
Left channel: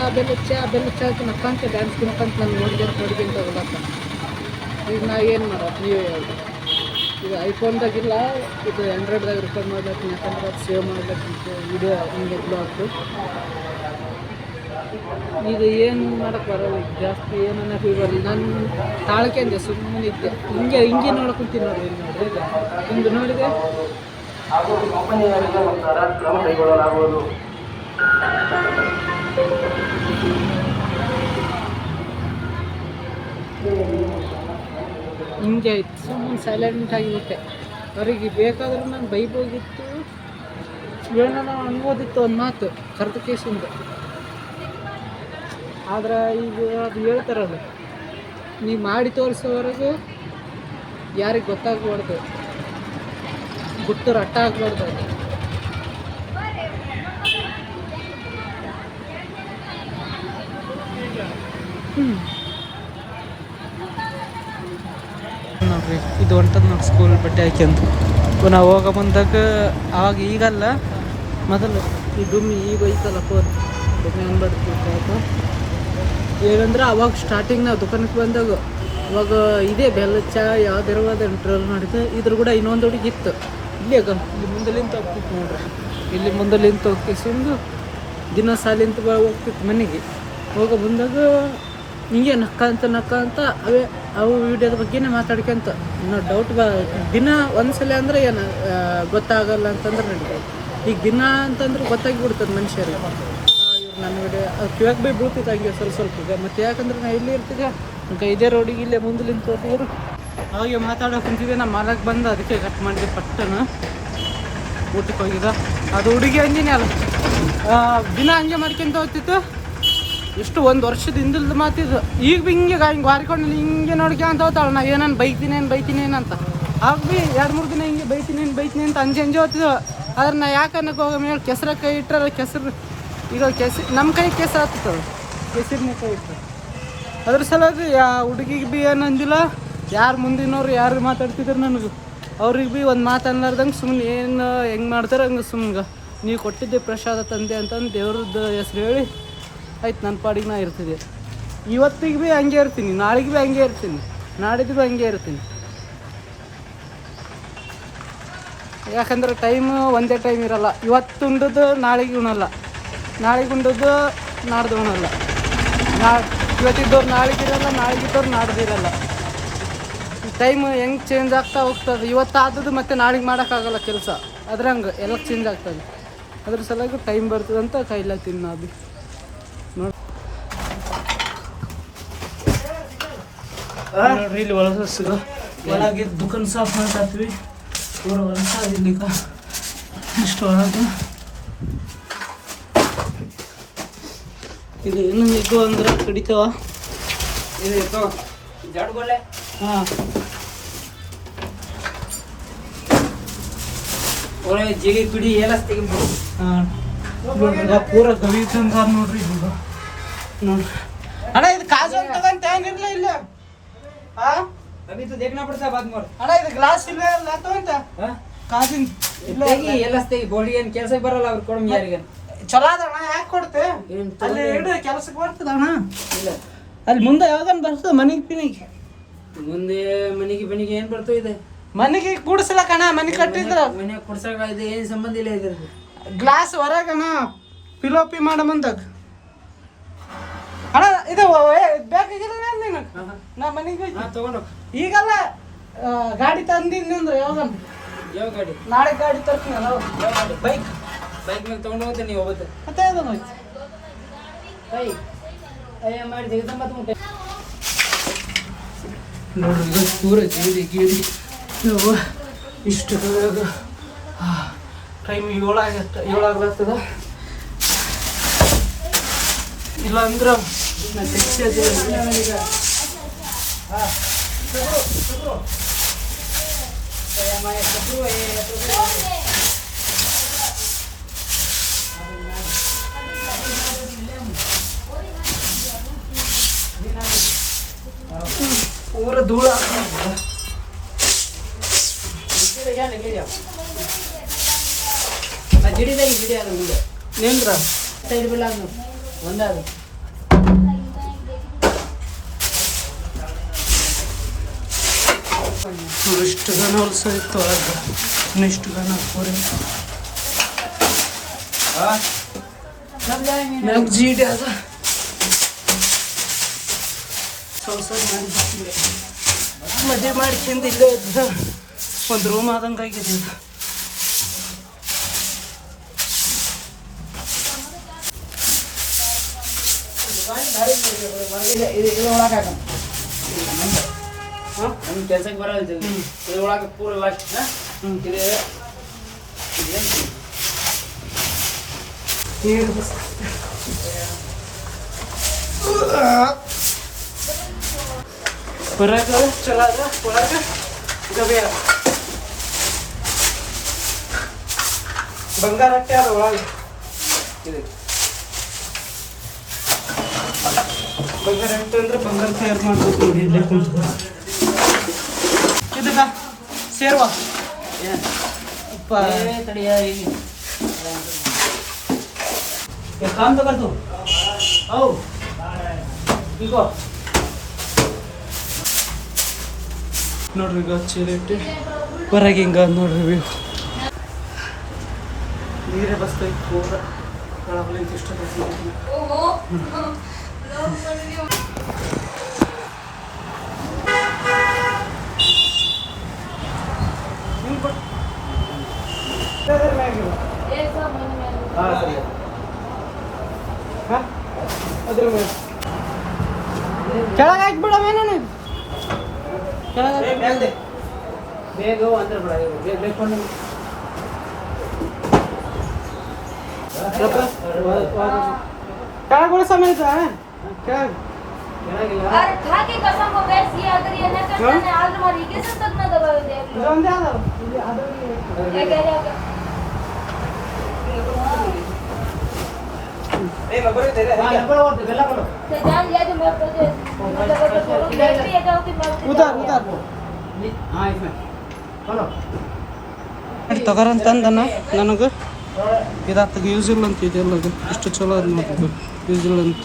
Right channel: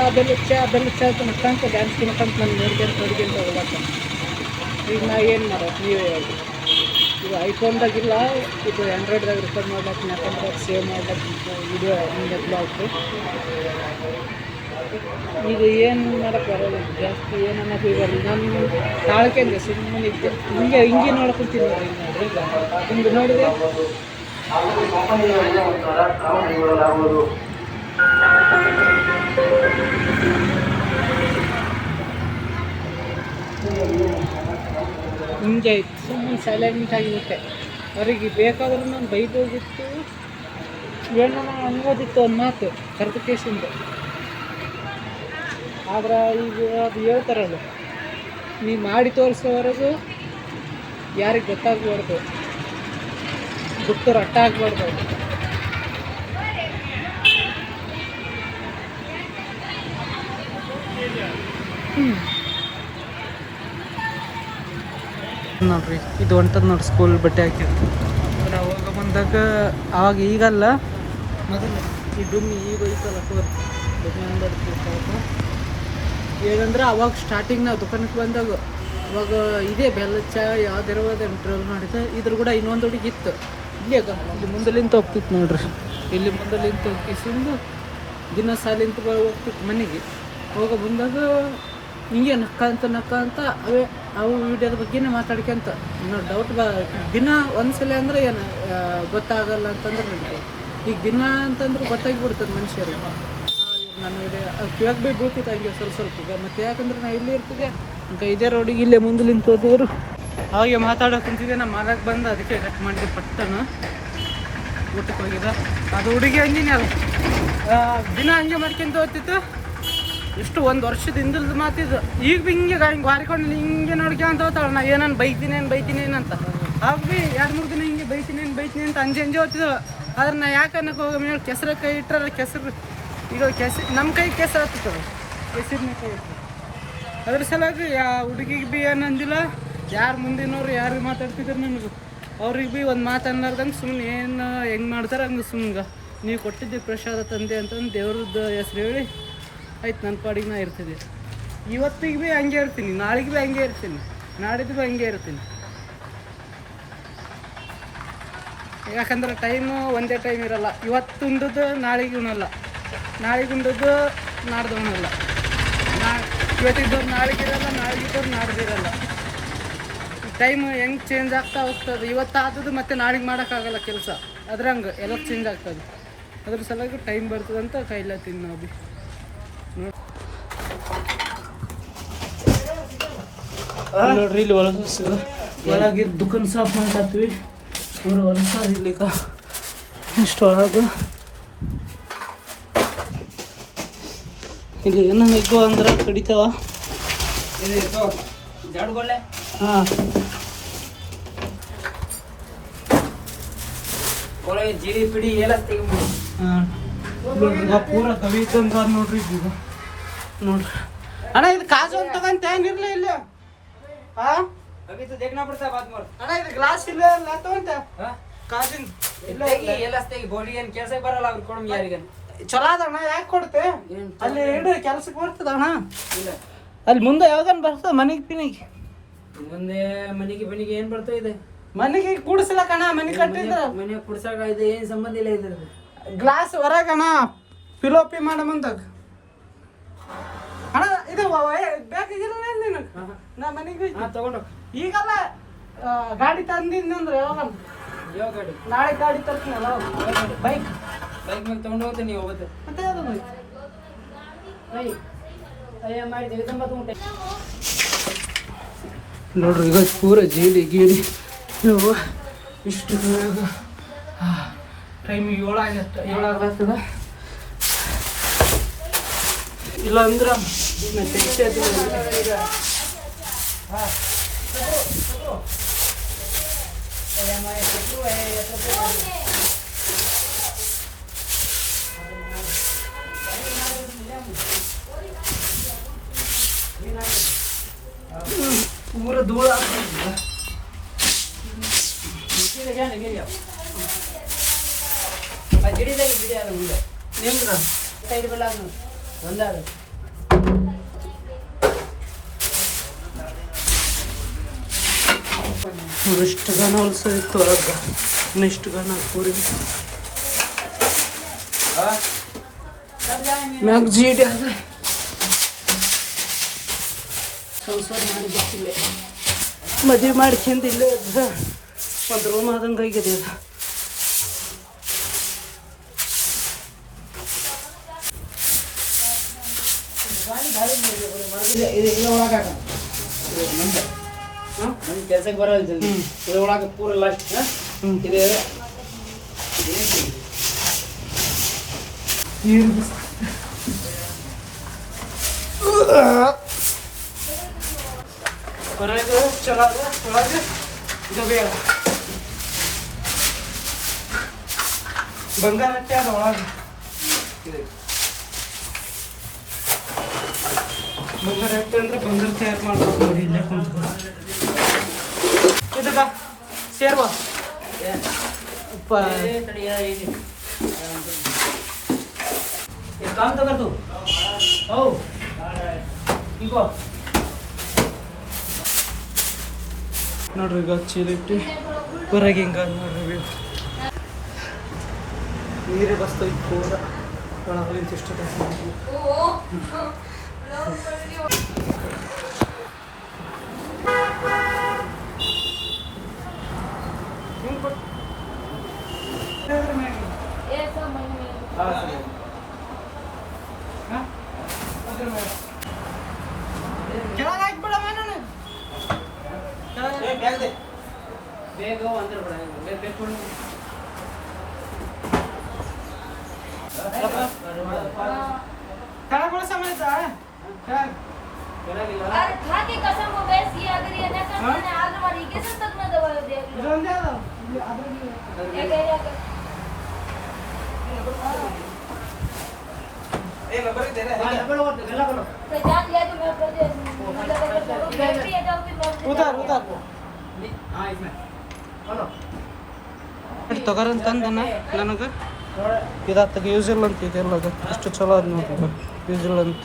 ಅಂತ ನಕ್ಕ ಅಂತ ಡ್ಯಾನ್ಸ್ ನಕ್ಕಂತ ನಾನು ನೋಡ್ಕೊಂತ ಹೋಗ್ಲತ್ತ. ಈಗ ನಾ ಏನು ಮಾಡೋದು ನೀವೇ ಹೇಳಿ. ಇದು ಐಫೋನ್ದಾಗಿಲ್ಲ, ಇದು ಆ್ಯಂಡ್ರಾಯ್ಡ್ದಾಗ ರೆಕಾರ್ಡ್ ಮಾಡ್ಲತ್ತೀನಿ. ಯಾಕಂದ್ರೆ ಅದು ಸೇವ್ ಮಾಡ್ಲತ್ತಿತ್ತು ವಿಡಿಯೋ ಹಿಂಗೆ ಬ್ಲಾಗ್ದು. ಈಗ ಏನು ಮಾಡೋಕ್ಕೆ ಬರೋಲ್ಲ. ಜಾಸ್ತಿ ಏನು ಅನ್ನೋದು ಬರಲ್ಲ. ನಾನು ತಾಳ್ಕೆಂದೆ ಸುಮ್ಮನೆ ಇದ್ದೆ. ಹಿಂಗೆ ನೋಡ್ಕೊತೀನಿ ನೋಡ್ರಿ. ಹಿಂಗೆ ನೋಡಿದೆ ಹಿಂಗೆ ಆಯ್ತು. ಸುಮ್ಮನೆ ಸೈಲೆಂಟ್ ಆಗಿಬಿಟ್ಟೆ. ಅವರಿಗೆ ಬೇಕಾದ್ರೂ ನಾನು ಬೈಬೋಗಿತ್ತು, ಹೇಳೋಣ ಅನ್ಬೋದಿತ್ತು ಒಂದು ಮಾತು ಕರೆದ ಕೇಸಿಂದ. ಆದ್ರೆ ಈಗ ಅದು ಹೇಳ್ತಾರಲ್ಲ, ನೀವು ಮಾಡಿ ತೋರಿಸೋವರೆಗೂ ಯಾರಿಗೆ ಗೊತ್ತಾಗ್ಬಾರ್ದು, ಗುಟ್ಟು ರಟ್ಟ ಆಗ್ಬಾರ್ದು. ನೋಡ್ರಿ ಇದು ಹೊಂಟದ ನೋಡಿ ಸ್ಕೂಲ್ ಬಟ್ಟೆ ಹಾಕ್ಯಂತ. ನಾವು ಹೋಗೋ ಬಂದಾಗ ಆವಾಗ ಈಗಲ್ಲ ಮೊದಲು ಈ ಡುಮ್ಮಿ ಈಗ ಐತಲ್ಲ ಫೋನ್ ಡುಮ್ಮಿ ಅಂಬಾರ್ದು. ಹೇಗಂದ್ರೆ ಅವಾಗ ಸ್ಟಾರ್ಟಿಂಗ್ ನಾವು ದುಕಾನಕ್ಕೆ ಬಂದಾಗ ಅವಾಗ ಇದೇ ಬೆಲ್ಲಚ್ಚ ಯಾವ್ದಿರೋದು ಟ್ರೋಲ್ ಮಾಡಿದ್ದೆ. ಇದ್ರ ಕೂಡ ಇನ್ನೊಂದು ಹುಡುಗಿ ಇತ್ತು ಇಲ್ಲಿ. ಇಲ್ಲಿ ಮುಂದಲಿಂತ ಹೋಗ್ತಿತ್ತು ನೋಡ್ರಿ. ಇಲ್ಲಿ ಮುಂದಲಿಂತ ಹೋಗ್ತಿಸಿಂದು ದಿನ ಸಾಲಿಂತ ಹೋಗ್ತಿತ್ತು ಮನೆಗೆ. ಹೋಗೋ ಬಂದಾಗ ಹಿಂಗೆ ನಕ್ಕ ಅಂತ ಅವು ವಿಡಿಯೋದ ಬಗ್ಗೆನೇ ಮಾತಾಡ್ಕೊಂತ ಇನ್ನೂ ಡೌಟ್ ದಿನ ಒಂದ್ಸಲ ಅಂದರೆ ಏನು ಗೊತ್ತಾಗಲ್ಲ ಅಂತಂದ್ರೆ ನಡೀತದೆ. ಈಗ ದಿನ ಅಂತಂದ್ರೆ ಗೊತ್ತಾಗಿಬಿಡ್ತದೆ ಮನುಷ್ಯರಿಗೆ. ನನ್ನ ವಿಡಿಯೋ ಕಿವಾಗ ಬೈ ಬೀಳ್ತಿತ್ತು ಹಂಗೆ ಸ್ವಲ್ಪ ಈಗ ಮತ್ತೆ ಯಾಕಂದ್ರೆ ನಾ ಇಲ್ಲಿ ಇರ್ತಿದ್ಯಾ ನಂಗೆ ಇದೇ ರೋಡಿಗೆ ಇಲ್ಲೇ ಮುಂದೆ ನಿಂತೋದ್ರು ಹಾಗೆ ಮಾತಾಡೋಕೆ ಕುಂತಿದ್ದೆ ನಮ್ಮ ಮಾಲಕ್ಕೆ ಬಂದು ಅದಕ್ಕೆ ಕಟ್ ಮಾಡಿದೆ ಪಟ್ಟನ ಊಟಕ್ಕೆ ಹೋಗಿದ್ದ ಅದು ಹುಡುಗಿ ಹಂಗಿನೇ ಅಲ್ಲ ದಿನ ಹಂಗೆ ಮಾಡ್ಕೊಂತ ಹೋಗ್ತಿತ್ತು ಎಷ್ಟು ಒಂದು ವರ್ಷದ ಮಾತಿದ್ದು ಈಗ ಭೀ ಹಿಂಗೆ ವಾರಿಕೊಂಡು ಹಿಂಗೆ ನೋಡ್ಕೊಂತ ಹೋಗ್ತಾಳೆ ನಾ ಏನನ್ನು ಬೈತೀನಿ ಅಂತ ಆಗ ಭೀ 2-3 ದಿನ ಹಿಂಗೆ ಬೈತೀನಿ ಅಂತ ಅಂಜೆ ಹೋಗ್ತಿದ್ದು ಆದ್ರೆ ನಾ ಯಾಕೆ ಅನ್ನಕ್ಕೆ ಹೋಗ ಮೇಲೆ ಕೆಸರ ಕೈ ಇಟ್ಟರೆ ಕೆಸರು ಇದು ನಮ್ಮ ಕೈ ಕೆಸರು ಹತ್ತದ ಕೆಸರಿನ ಕೈ ಇಟ್ಟು ಅದ್ರ ಸಲುವಾಗಿ ಹುಡುಗಿಗೆ ಭೀ ಏನು ಅಂದಿಲ್ಲ ಯಾರು ಮುಂದಿನವ್ರು ಯಾರು ಮಾತಾಡ್ತಿದ್ರು ನನಗೆ ಅವ್ರಿಗೆ ಭೀ ಒಂದು ಮಾತು ಅನ್ನಲಾರ್ದಂಗೆ ಸುಮ್ಮನೆ ಏನು ಹೆಂಗೆ ಮಾಡ್ತಾರೆ ಹಂಗೆ ಸುಮ್ಮನೆ ನೀವು ಕೊಟ್ಟಿದ್ದೆ ಪ್ರಸಾದ ತಂದೆ ಅಂತಂದು ದೇವ್ರದ್ದು ಹೆಸ್ರು ಹೇಳಿ ಆಯ್ತು ನನ್ನ ಪಾಡಿಗೆ ನಾ ಇರ್ತಿದ್ದೆ ಇವತ್ತಿಗೆ ಭೀ ಹಂಗೆ ಇರ್ತೀನಿ ನಾಳೆಗೆ ಭೀ ಹಂಗೆ ಇರ್ತೀನಿ ನಾಡಿದ್ದು ಭೀ ಹಂಗೆ ಇರ್ತೀನಿ ಯಾಕಂದ್ರೆ ಟೈಮು ಒಂದೇ ಟೈಮ್ ಇರೋಲ್ಲ ಇವತ್ತು ಉಂಡದ್ದು ನಾಳೆಗೆ ಉಣಲ್ಲ ನಾಳೆಗೆ ಉಂಡದ್ದು ನಾಡ್ದು ಉಣಲ್ಲ ಇವತ್ತಿದ್ದವ್ರು ನಾಳೆಗಿರಲ್ಲ ನಾಳೆಗಿದ್ದವ್ರು ನಾಡ್ದಿರಲ್ಲ ಟೈಮ್ ಹೆಂಗೆ ಚೇಂಜ್ ಆಗ್ತಾ ಹೋಗ್ತದೆ ಇವತ್ತು ಆದದ್ದು ಮತ್ತೆ ನಾಳೆಗೆ ಮಾಡೋಕ್ಕಾಗಲ್ಲ ಕೆಲಸ ಅದ್ರಂಗೆ ಎಲ್ಲ ಚೇಂಜ್ ಆಗ್ತದೆ ಅದ್ರ ಸಲುವಾಗಿ ಟೈಮ್ ಬರ್ತದೆ ಅಂತ ಕೈಲತ್ತೀನಿ ನಾ ಭೀ ನೋಡ್ರಿ ಇಲ್ಲಿ ಒಳಗೆ ದುಕಾನ್ ಸಾಫ್ ಮಾಡ್ತೀವಿ ಹೊಲಸ ಇರ್ಲಿಕ್ಕ ಇಷ್ಟು ಒಳಗೆ ಇದು ಏನೋ ನಿಲ್ಕೋ ಅಂದ್ರೆ ಕಡಿತಾವ ಹಾಂ ಜಿಡಿ ಪಿಡಿ ಎಲ್ಲ ತೆಗಿಬೋದು. ಹಾಂ ಪೂರ ಗವಿಕಂದ್ರ ನೋಡ್ರಿ ಈಗ ನೋಡ್ರಿ ಅಣ್ಣ ಇದು ಕಾಜು ಅಂತ ತಗಂತ ಏನಿರ್ಲ ಇಲ್ಲ ಹಾಂ अभी तो देखना पड़ता है बाद में ಅಣ್ಣ ಇದು ಗ್ಲಾಸ್ ಇಲ್ಲ ತಗೊಂತ ಕಾಜಿನ ಇಲ್ಲ ಎಲ್ಲ ತೆಗಿ ಬೋಡಿ ಏನು ಕೆಲಸಕ್ಕೆ ಬರಲ್ಲ ಅವ್ರು ಕೊಡಮ್ ಯಾರಿಗೆ ಚಲೋ ಅದಣ್ಣ ಯಾಕೆ ಕೊಡ್ತೆ ಅಲ್ಲಿ ಇಡು ಕೆಲಸಕ್ಕೆ ಬರ್ತದ ಅಣ್ಣ ಇಲ್ಲ ಅಲ್ಲಿ ಮುಂದೆ ಯಾವಾಗನ್ ಬರ್ತದೆ ಮನೆಗೆ ಮುಂದೆ ಮನೆಗೆ ಏನ್ ಬರ್ತವೆ ಇದೆ ಮನೆಗೆ ಕೂಡಿಸ್ಲಕ್ಕಣ್ಣ ಮನೆ ಕಟ್ಟಿದ್ರ ಮನೆ ಕುಡ್ಸಕ ಇದೆ ಏನ್ ಸಂಬಂಧ ಇಲ್ಲ ಇದ್ರದ್ದು ಗ್ಲಾಸ್ ಹೊರಗಣ ಪಿಲೋಪಿ ಮಾಡ ಮುಂದಾಗ ಅಣ್ಣ ಇದು ಬೇಕಾಗಿಲ್ಲ ನೀನು ನಾ ಮನೆಗೆ ತಗೊಂಡು ಈಗಲ್ಲ ಗಾಡಿ ತಂದಿದ್ನಿ ಅಂದ್ರೆ ಯಾವಾಗ ಯಾವ ಗಾಡಿ ನಾಳೆ ಗಾಡಿ ತರ್ತೀನಲ್ಲ ಬೈಕ್ ಮೇಲೆ ತಗೊಂಡು ಹೋಗ್ತೀನಿ ನೀವು ಹೋಗುತ್ತೆ ಮತ್ತೆ ಅದನ್ನು ಅಯ್ಯ ಮಾಡಿ ಜಗದಂಬ ಮುಟ್ಟೆ ನೋಡ್ರಿ ಇದು ಪೂರ ಗೀಡಿ ನೀವು ಇಷ್ಟು ಟೈಮ್ 7 ಆಗ್ತದ ಇಲ್ಲ ಅಂದ್ರೆ ಪೂರ ಧೂಳ ಗಿಡಿದಾಗಿ ಗಿಡಿ ಅದು ಮುಂದೆ ನಿಂದ್ರ ಸೈಡ್ ಬೆಲ್ಲ ಅದು ಒಂದೇ ಅದು ಇಷ್ಟು ಗನ ಹೊಲ್ಸ ಇತ್ತು ಹೊರಗೆ ಇನ್ನೆಷ್ಟು ಗನ ಪೂರಿ ಮ್ಯಾಗ ಜೀಡಿ ಅದ ಸಂಸಾರ ಮಾಡಿ ಗೊತ್ತಿಲ್ಲ ಮದುವೆ ಮಾಡ್ಕೊಂಡು ಇಲ್ಲೇ ಇದ್ರೆ ಒಂದು ರೂಮ್ ಆದಂಗೆ ಆಗಿದೆ ನಮ್ಗೆ ಕೆಲ್ಸಕ್ಕೆ ಬರಲ್ಲ ಇದು ಒಳಗೆ ಪೂರ ಲಾಸ್ಟ್ ಇದು ಹೊರಗೆ ಚಲೋ ಅದ ಒಳಗೆ ಗಬೆ ಅದ ಬಂಗಾರ ಅಟ್ಟೆ ಅದ ಒಳಗೆ ಬಂಗಾರ ಅಟ್ಟೆ ಅಂದ್ರೆ ಬಂಗಾರ ತಯಾರು ಮಾಡ್ಬೇಕು ಇಲ್ಲೇ ಕುಂತ್ಕೊಂಡು ಇದಕ್ಕ ಸೇರುವ ತಡಿಯ काम तो कर तू ओ ಈಗ ನೋಡ್ರಿ ಈಗ ಚೀಲಿಟ್ಟು ಹೊರಗೆ ಹಿಂಗ ನೋಡ್ರಿ ವ್ಯೂ ನೀರೇ ಬಸ್ತೈತಿ ಪೂರ ಒಳಗಲಿಂತ ಇಷ್ಟ ಕೆಳಗೆ ಹಾಕ್ಬಿಡವ ನಾನು ಕೆಳಗೆ ಬೇಗ ಅಂದ್ರೆ ಬಿಡ ಬೇಗ ಬೇಕೊಂಡು ಕೆಳಗೆ ಸಮಯ ಕೆಳಗೆ ಚೆನ್ನಾಗಿಲ್ಲ अरे खा के कसम को बेच दिया अगर ये न करता ने आज हमारी के सब तक न दबाव दे ಇದೊಂದೇ ಅದಾವ ಇಲ್ಲಿ ಅದ್ರಲ್ಲಿ ये कह रहा तो जान लिया जो मैं अपने ये जाओ कि ಉದಾರ್ ಉದಾರ್ हाँ इसमें बोलो ತಗೋರಂತಂದನ ನನಗೆ ಇದಾತಾಗ ಯೂಸ್ ಇಲ್ಲ ಅಂತ ಇದೆಲ್ಲ ಅದು ಎಷ್ಟು ಚಲೋ ಅದು ನೋಡ್ರಿ ಯೂಸ್ ಇಲ್ಲ ಅಂತ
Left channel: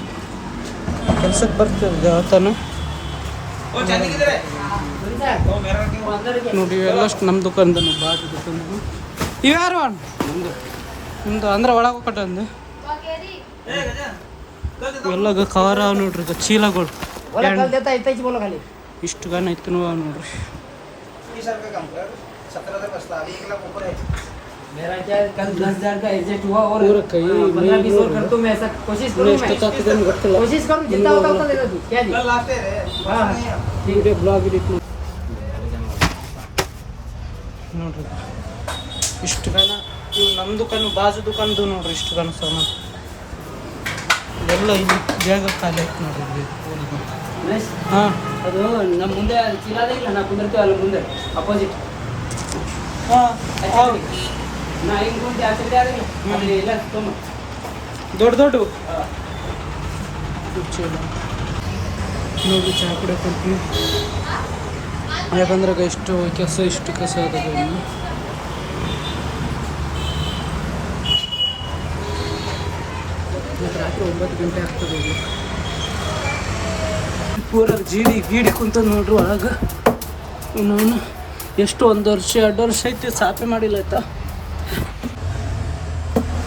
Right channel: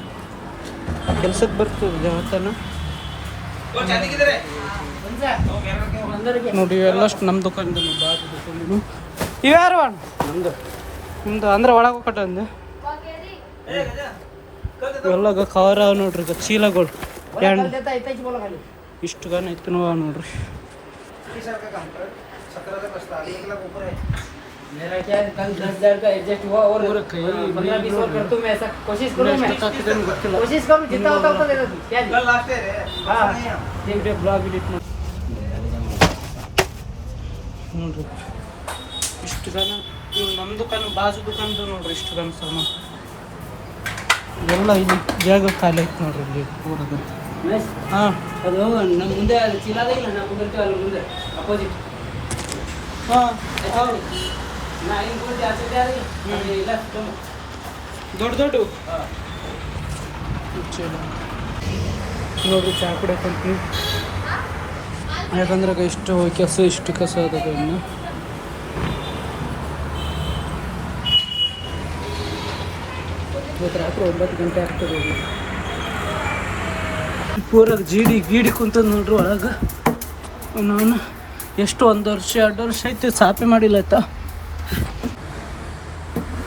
ಕೆಲ್ಸಕ್ಕೆ ಬರ್ತದೆ ಯಾವತ್ತಾನು ನೋಡಿ ಇವೆಲ್ಲಷ್ಟು ನಮ್ಮ ದುಕಾನ್ದು ಬಾಜು ದುಕಾನ್ ಇವ್ಯಾರು ನಮ್ದು ನಿಮ್ದು ಅಂದ್ರೆ ಒಳಗೆ ಹೋಗಟ ಅಂದು ಇವೆಲ್ಲ ಕವರ್ ಅವ ನೋಡ್ರಿ ಈಗ ಚೀಲಗಳು देता इतना ही बोलो खाली ಇಷ್ಟು ಗಾನ ಐತನೂ ಅವ ನೋಡ್ರಿ मेरा क्या कल 10,000 का एग्जैक्ट हुआ और पूरा कहीं नहीं 15-20 और कर तो मैं ऐसा कोशिश ಇನ್ನು करूंगा ಎಷ್ಟು ತಾತಿಗೇನು ಗೊತ್ತಿಲ್ಲ कोशिश करूं जितना होगा उतना दे दूं क्या जी हां ವಿಡಿಯೋ ಬ್ಲಾಗ್ ಎಡಿಟ್ ನೋಡ್ರಿ ಇಷ್ಟು ಗಾನ ಇವು ನಮ್ಮ ದುಕಾನು ಬಾಜು ದುಕಾನ್ದು ನೋಡ್ರಿ ಇಷ್ಟು ಗಾನ ಸಾಮಾನು ಇದೆಲ್ಲ ಇಲ್ಲಿ ಜಾಗ ಖಾಲಿ ಐತೆ ನೋಡ್ರಿ ಇಲ್ಲಿ ಪೂರದು ಪ್ಲಸ್ ಹಾಂ ಅದು ನಮ್ಮ ಮುಂದೆ ಚಿಲಾದಾಗಿಲ್ಲ ನಾ ಕುಂದಿರ್ತೀವಿ ಅಲ್ಲಿ ಮುಂದೆ ಅಪೋಸಿಟ್ ಹಾಂ ಹೌದು ನಾ ಹಿಂಗೆ ಮುಂದೆ ಆ ಸೈಡ್ ಆಗಿಲ್ಲ ಅಲ್ಲಿ ಇಲ್ಲ ತುಂಬ ದೊಡ್ಡ ದೊಡ್ಡ ಚಲೋ ನೋಡ್ರಿ ಚಹಾ ಕುಡಿಯಕ್ಕಂತೀನಿ ಯಾಕಂದ್ರೆ ಇಷ್ಟು ಇಷ್ಟು ಕಸ ಅದ ಇನ್ನು ಇವತ್ತು ರಾತ್ರಿ 9 ಗಂಟೆ ಆಗ್ತದೆ ಇಲ್ಲಿ ಪೂರ ಗೀಡಿ ಕುಂತ ನೋಡ್ರಿ ಒಳಗೆ ನಾನು ಎಷ್ಟು 1 ವರ್ಷ 2 ವರ್ಷ ಐತಿ ಸಾಪೆ ಮಾಡಿಲ್ಲ ಆಯ್ತಾ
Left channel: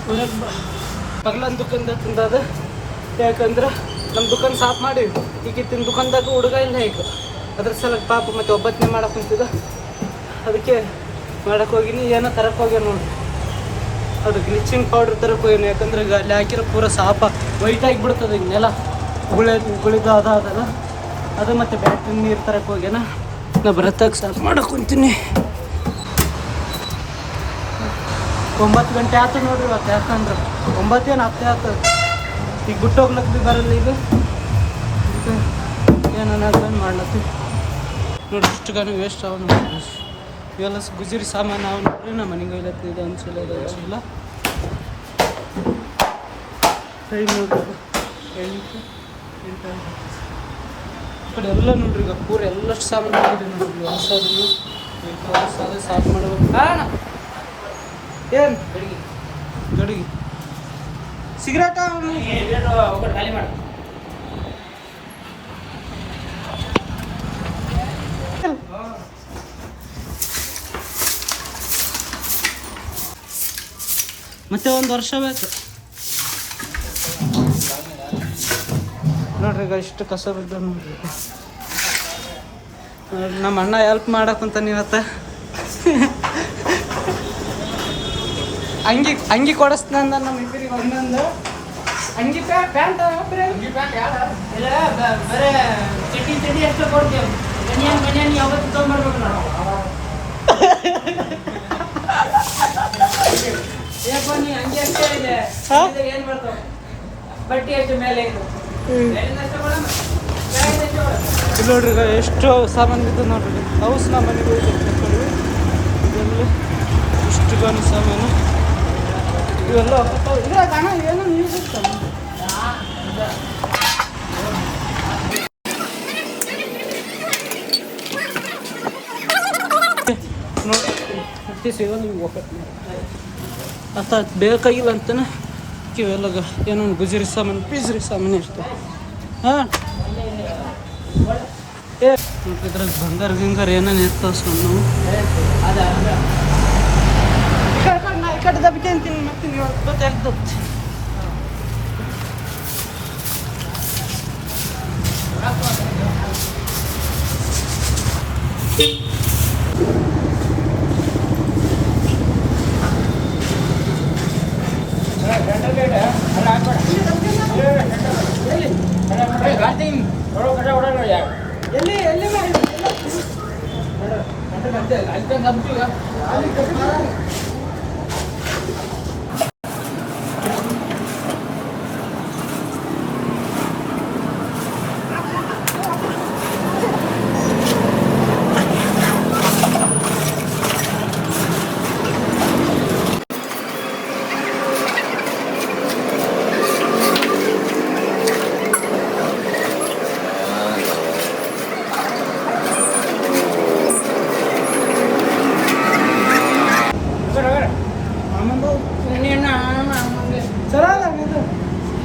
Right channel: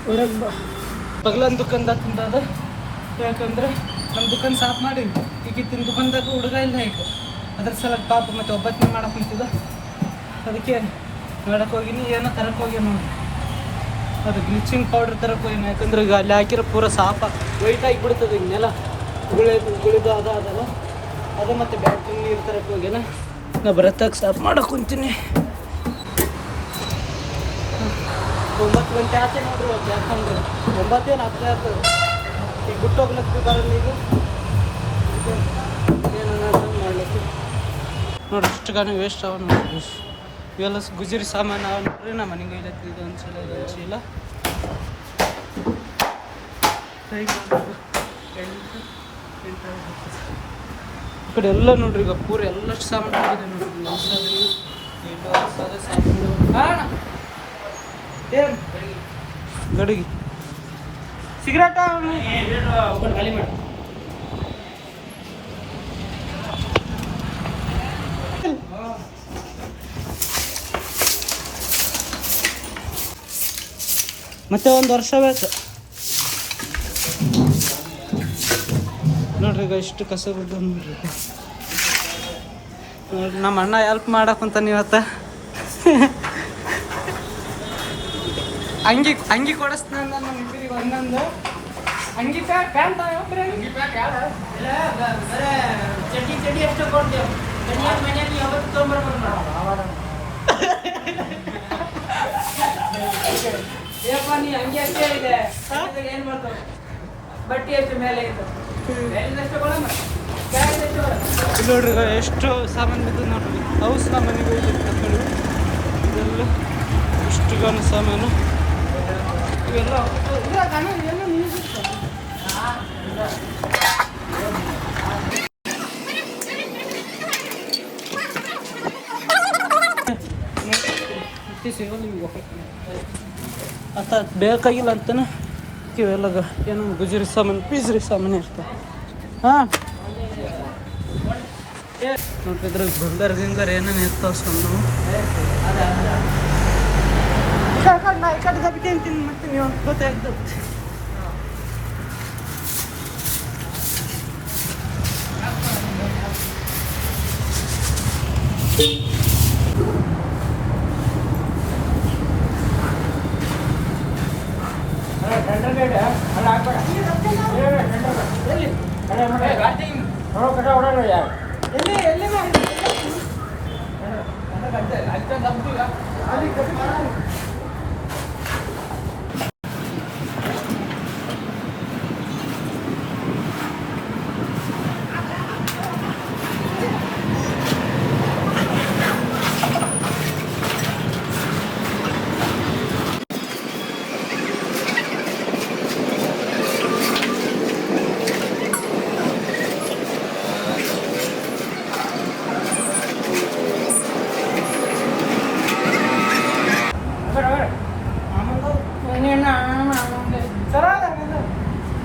ಹೊರಗೆ ಪಗಲನ್ ದುಕಾನ್ದಾಗ ತಂದದ ಯಾಕಂದ್ರೆ ನಮ್ಮ ದುಕಾನ್ ಸಾಫ್ ಮಾಡಿ ಈಗ ಇತ್ತಿನ ದುಕಾನ್ದಾಗ ಹುಡುಗ ಇಲ್ಲ ಈಗ ಅದ್ರ ಸಲಕ್ಕೆ ಪಾಪ ಮತ್ತು ಒಬ್ಬತ್ತನೇ ಮಾಡಕ್ಕೆ ಕುಂತಿದ್ದ ಅದಕ್ಕೆ ಮಾಡಕ್ಕೆ ಹೋಗಿನಿ ಏನೋ ತರಕ್ಕೆ ಹೋಗ್ಯ ನೋಡಿ ಅದು ಬ್ಲೀಚಿಂಗ್ ಪೌಡ್ರ್ ತರಕ್ಕೆ ಹೋಗ್ಯಾನ ಯಾಕಂದ್ರೆ ಅಲ್ಲಿ ಹಾಕಿರೋ ಪೂರ ಸಾಪ ವೈಟ್ ಆಗಿಬಿಡ್ತದೆ ಈಗ ನೆಲ ಉಗುಳಿದು ಅದಲ್ಲ ಅದು ಮತ್ತು ಬ್ಯಾಟ್ರಿ ನೀರು ತರಕ್ಕೆ ಹೋಗ್ಯಾನ ನಾ ಬರತ್ತಾಗ ಸಾಫ್ ಮಾಡಕ್ಕೆ ಕುಂತೀನಿ 9 ಗಂಟೆ ಆಯ್ತು ನೋಡ್ರಿ ಇವತ್ತು ಯಾಕಂದ್ರೆ 9 ಏನು 10 ಆಯ್ತು ಈಗ ಬಿಟ್ಟು ಹೋಗ್ಲಕ್ಕೆ ಭೀ ಬರಲ್ಲ ಈಗ ಏನು ಮಾಡ್ಲತ್ತಿ ನೋಡ್ರಿ ಇಷ್ಟು ಗಾನ ವೇಸ್ಟ್ ಅವ ನೋಡ್ರಿ ಇವೆಲ್ಲ ಗುಜರಿ ಸಾಮಾನು ಅವ ನೋಡ್ರಿ ನಮ್ಮ ಮನೆಗೆ ಒಯ್ಲತ್ತಿ ಇದು ಒಂದು ಚೀಲ ಇದು ಒಂದು ಚೀಲ ಟೈಮ್ ನೋಡ್ರಿ 8 ಈ ಕಡೆ ಎಲ್ಲ ನೋಡ್ರಿ ಈಗ ಪೂರ ಎಲ್ಲಷ್ಟು ಸಾಮಾನು ಹೋಗಿದೆ ನೋಡ್ರಿ ಹೊಸದಿಲ್ಲ ಹೊಸದ ಸಾಫ್ ಮಾಡ್ಬೇಕು ಅಣ್ಣ ಏನು ಗಡಿಗೆ ಸಿಗರೇಟ ಒಬ್ಬಟ್ಟು ಖಾಲಿ ಮಾಡು ಮತ್ತೆ 1 ವರ್ಷ ಬೇಕು ನೋಡ್ರಿ ಈಗ ಇಷ್ಟು ಕಸ ಬಿದ್ದ ನೋಡ್ರಿ ನಮ್ಮ ಅಣ್ಣ ಹೆಲ್ಪ್ ಮಾಡಕ್ಕಂತ ಇವತ್ತ ಅಂಗಿ ಕೊಡಿಸ್ನಂದ ನಮ್ಮ ಇಬ್ಬರಿಗೆ ಒಂದೊಂದು ಅಂಗಿ ಪ್ಯಾಂಟ್ ಇಲ್ಲ ಬರೇ ಚಡ್ಡಿ ಅಷ್ಟೇ ಕೊಡ್ತೇವೆ ಬನಿಯಾನ್ ಯಾವತ್ತು ತೊಗೊಂಬರ್ಬೇಕು ನಾವು ಏನಪ್ಪ ನೀ ಹಂಗೆ ಅಷ್ಟೇ ಇದೆ ಏನು ಬರ್ತಾವೆ ಬಟ್ಟೆ ಅಷ್ಟೇ ಮೇಲೆ ಇದು ಮೇಲಿಂದ ಅಷ್ಟೇ ಬರೋಣ ಇಲ್ಲಿ ನೋಡ್ರಿ ಈಗ ಎಷ್ಟು ಸಾಮಾನು ಬಿದ್ದು ನೋಡ್ರಿ ಹೌಸ್ ನಮ್ಮ ಮನೆಗೆ ಹೋಗ್ಬೇಕು ತಗೊಳ್ಳಿ ಇದೆಲ್ಲ ಇಷ್ಟು ಗಾನ ಸಾಮಾನು ಇವೆಲ್ಲ ಇದ್ರಾಗ ಏನೋ ನ್ಯೂಸ್ ಇರ್ತಾನೆ ನೋಡಿ ಸೇವ ನೀವು ಅತ್ತ ಬೇಕಾಗಿಲ್ಲ ಅಂತಾನೆ ಇವೆಲ್ಲ ಏನೋ ಗುಜರಿ ಸಾಮಾನು ಪಿಜ್ರಿ ಸಾಮಾನು ಇರ್ತವೆ ಹಾಂ ನೋಡ್ರಿ ಇದ್ರಾಗ ಬಂಗಾರ ಗಿಂಗಾರ ಏನೇನು ಇರ್ತಾವ ಸಣ್ಣ ನಾ ಈ ಕಡೆ ದಬ್ಬಿಂತೀನಿ ಮತ್ತೆ ನೀವು ಅಂತ ತೆಗ್ದು ಎಲ್ಲಿ ಎಲ್ಲಿ ಮಾಡಿ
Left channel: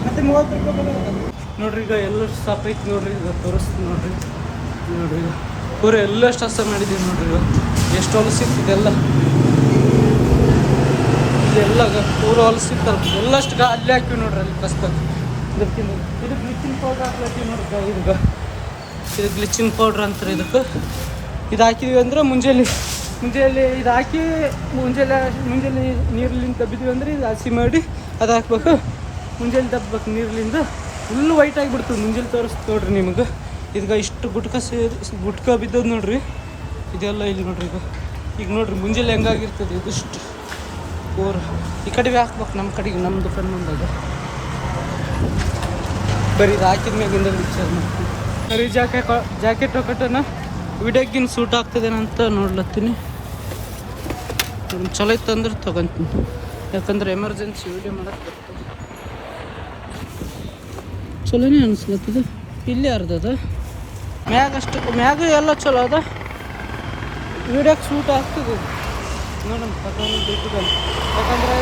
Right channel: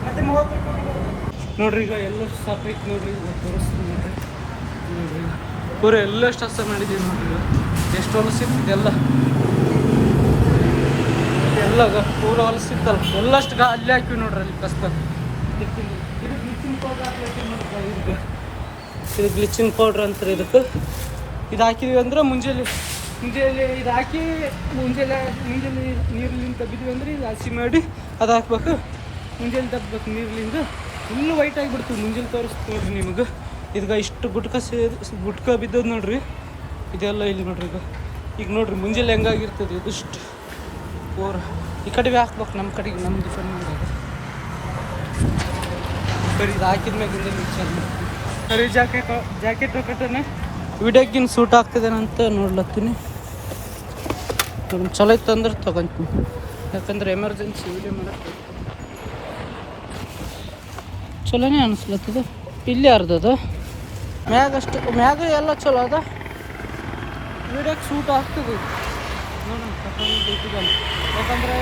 ಮತ್ತೆ 30 ರೂಪಾಯಿ ನೋಡ್ರಿ. ಈಗ ಎಲ್ಲಷ್ಟು ಸಾಪ್ ಐತಿ ನೋಡ್ರಿ. ಈಗ ತೋರಿಸ್ತೀನಿ ನೋಡ್ರಿ. ನೋಡಿ ಈಗ ಪೂರ ಎಲ್ಲಷ್ಟು ಹಸ ಮಾಡಿದ್ದೀವಿ ನೋಡ್ರಿ. ಈಗ ಎಷ್ಟು ಹೊಲಸಿತ್ತು ಇದೆಲ್ಲ ಪೂರ ಹೊಲಸಿತ್ತಲ್ಲ ಎಲ್ಲಷ್ಟು ಅಲ್ಲಿ ಹಾಕಿವಿ ನೋಡ್ರಿ. ಅಲ್ಲಿ ಕಸ್ದಾಗ ಇದು ಗ್ಲಿಚಿಂಗ್ ಪೌಡ್ರ್ ಹಾಕ್ಲತ್ತೀವಿ ನೋಡ್ರಿ. ಇದು ಗ್ಲಿಚಿಂಗ್ ಪೌಡ್ರ್ ಅಂತಾರೆ ಇದಕ್ಕೆ. ಇದು ಹಾಕಿದ್ವಿ ಅಂದ್ರೆ ಮುಂಜಾನೆ ಇದು ಹಾಕಿ ಮುಂಜಾನೆ ನೀರ್ಲಿಂದ ತಬ್ಬಿದ್ವಿ ಅಂದ್ರೆ ಇದು ಹಸಿ ಮಾಡಿ ಅದು ಹಾಕ್ಬೇಕು. ಮುಂಜಾನೆ ತಪ್ಪಬೇಕು ನೀರ್ಲಿಂದ ಫುಲ್ಲು ವೈಟ್ ಆಗಿಬಿಡ್ತದೆ. ಮುಂಜಾನೆ ತೋರಿಸ್ತು ನೋಡ್ರಿ ನಿಮಗೆ. ಇದಕ್ಕೆ ಇಷ್ಟು ಗುಟ್ಕ ಬಿದ್ದದ್ದು ನೋಡ್ರಿ. ಇದೆಲ್ಲ ಇಲ್ಲಿ ನೋಡ್ರಿ. ಈಗ ನೋಡ್ರಿ ಮುಂಜಾನೆ ಹೆಂಗಾಗಿರ್ತದೆ ಇದಿಷ್ಟು ಪೂರ ಈ ಕಡೆಗೆ ಹಾಕ್ಬೇಕು. ನಮ್ಮ ಕಡೆಗೆ ನಮ್ಮದು ಕಣ್ಣು ಮುಂದಾಗೆ ಬರೀ ಇದು ಹಾಕಿದ ಮ್ಯಾಗಿಂದ ವಿಚಾರ ಮಾಡ್ತೀನಿ. ಸರಿ ಜಾಕೆಟ್ ಒಕ್ಕಟನ ವಿಡಿಯೋಗಿನ ಸೂಟ್ ಆಗ್ತದೇನಂತ ನೋಡ್ಲತ್ತೀನಿ. ಚಲೋ ಇತ್ತು ಅಂದ್ರೆ ತೊಗೊತೀನಿ. ಯಾಕಂದ್ರೆ ಎಮರ್ಜೆನ್ಸಿ ವಿಡಿಯೋ ಮಾಡಕ್ಕೆ ಚಲೋನೇ ಅನಿಸ್ಲತ್ತದ. ಇಲ್ಲಿ ಅರ್ಧದ ಮ್ಯಾಗ ಎಲ್ಲ ಚಲೋ ಅದ. ವಿಡಿಯೋಕ್ಕೆ ಸೂಟ್ ಆಗ್ತದೆ ಇದು ನೋಡೋಣ. ತಗೊಂಡು ಯಾಕಂದ್ರೆ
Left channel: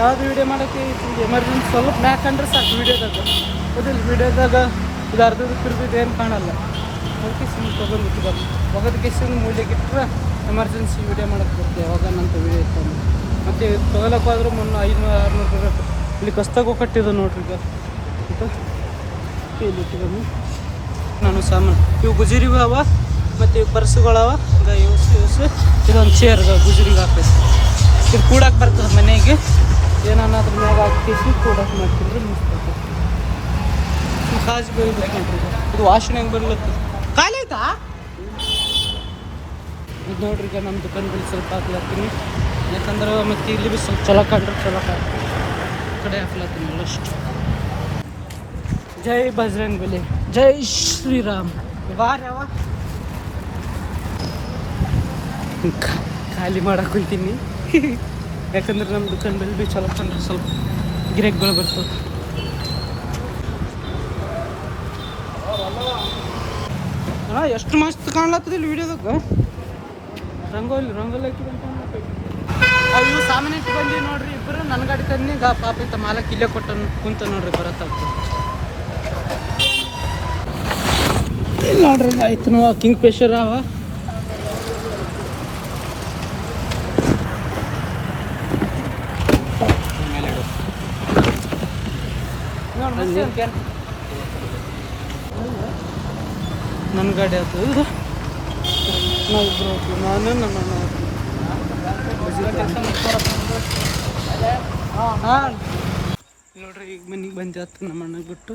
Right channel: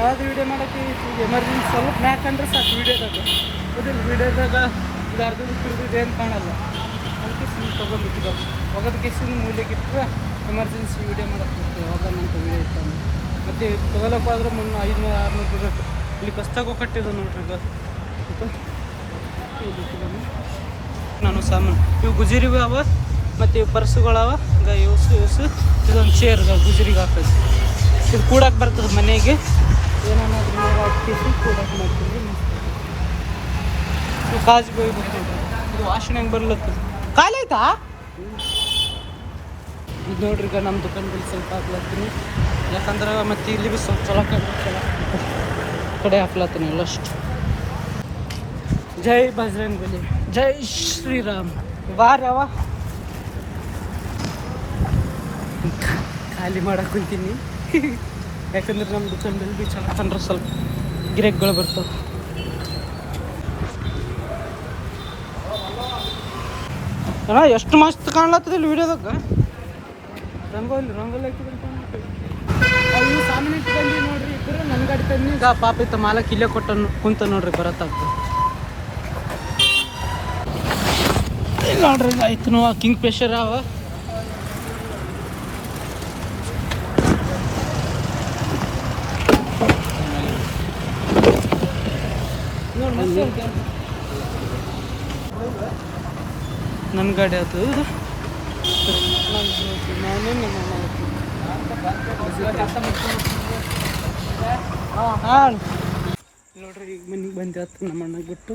ಯಾವ್ದು ವಿಡಿಯೋ ಮಾಡೋಕ್ಕೆ ಈಗ ಎಮರ್ಜೆನ್ಸಿ ಸ್ವಲ್ಪ ಮ್ಯಾಕ್ ಕಂಡ್ರೆ ಸಾಕು ವಿಡಿಯೋದಾಗ. ಹೌದಿಲ್ಲ, ವಿಡಿಯೋದಾಗ ಇದು ಅರ್ಧದಕ್ಕೆ ಇರ್ದಿದ್ದು ಏನು ಕಾಣಲ್ಲ. ಅದಕ್ಕೆ ಸುಮ್ಮನೆ ತೊಗೊಂಡಿಟ್ಟು ಒಗದ ಕೆಸಿನ ಮೂಲೆಗೆ ಇಟ್ಟರೆ ಎಮರ್ಜೆನ್ಸಿ ವಿಡಿಯೋ ಮಾಡೋಕ್ಕೆ ಬರ್ತದೆ. ಯಾವಾಗ ನಂತ ವಿಡಿಯೋ ಇತ್ತಂದ್ರೆ ಮತ್ತು ತೊಗೊಳಕ್ಕೆ ಹೋದ್ರೆ 500-600 ಬೇಕು. ಇಲ್ಲಿ ಕಸ್ತಾಗ ಕಟ್ಟಿದ್ದು ನೋಡ್ರಿ. ಈಗ ಇಲ್ಲಿ ಇಟ್ಟು ನಾನು ಸಾಮಾನು ಇವು ಗುಜರಿವಿ ಅವ ಮತ್ತು ಇವು ಪರ್ಸುಗಳವ. ಈಗ ಇವ್ಸು ಇದೊಂದು ಚೇರ್ ಗುಜರಿಗೆ ಹಾಕೈತಿ. ಇದು ಕೂಡಕ್ಕೆ ಬರ್ತದೆ ಮನೆಗೆ. ಏನಾದ್ರೂ ಮ್ಯಾಗ ಹಾಕಿ ಕೂಡಕ್ಕೆ ಮಾಡ್ತಿದ್ರೆ ನಿಂತ್ಕೊಳ್ತದೆ. ಈ ಕಾಜು ಬೈಬೇಕು ನೋಡ್ರಿ. ಇದು ವಾಸನೆ ಹೆಂಗೆ ಬರ್ಲತ್ತದ. ಖಾಲಿ ಆಯ್ತಾ ಇದು ನೋಡ್ರಿ. ಈಗ ನಮ್ಮ ದುಕಾನ್ ಬಳಿ ಸ್ವಲ್ಪ ಹಾಕ್ಲತ್ತೀನಿ. ಯಾಕಂದ್ರೆ ಮತ್ತು ಇಲ್ಲಿ ಭೀ ಸ್ವಲ್ಪ ಚಲೋ ಕಂಡ್ರೆ ಚಲೋ ಹಾಕ್ತೀನಿ. ಕಡೆ ಹಾಕ್ಲತ್ತೀನಿ ಎಲ್ಲಷ್ಟು. ಜೈ ಬಜರಂಗ್ ಬಲಿ, ಜೈ ಶ್ರೀರಾಮ್. ಬಾರವ ಖಾಲಿ ಮಾಡಕ್ಕೆ ಕುಂತೀನಿ. ಯಾಕಂದ್ರೆ ನಮ್ಮ ದುಕಾನ್ ಬಳಿ ಭೀ ಚಲೋ ಕಂಡ್ರೆ ಸ್ವಲ್ಪ ಗಿರಾಕಿಗಳು ಬರ್ತವೆ. ಎಷ್ಟು ಮಸ್ತ್ ಕಾಣ್ಲತ್ತದ ಇಲ್ಲಿ ವಿಡಿಯೋದಾಗ. ರಂಗೋಲಿ ಹಾಕಿದಂಗೆ ಕಾಣ್ಲತ್ತದ. ಇವು ಸಾಮಾನು ಇಟ್ಟು ಬಂದು ನೋಡ್ರಿ. ಇಬ್ಬರು ನನ್ನ ಗಾಡಿ ತಂದು ಈಗ ಪಾಪ ಇತ್ತ ಮಾಲಕ್ ಇಲ್ಲೇ ಕುಂತ ನೋಡ್ರಿ. ಬರತ್ತಾಗ್ತದೆ ನೋಡ್ರಿ. ಆಯ್ತು ಕಿಂಗ್ ಫಿಶರ್ ಅವ. ನನ್ನ ಗಾಡಿ ಆಯ್ತು. ನಾನು ನಮ್ಮ ಅಣ್ಣ ಹಾಂ ನೋಡ್ರಿ. ಈಗ ಮನೆಗೆ ಬಂದೆ ಆಯ್ತು ನಮ್ಮ ಅಣ್ಣಗೆ ಬಿಟ್ಟು.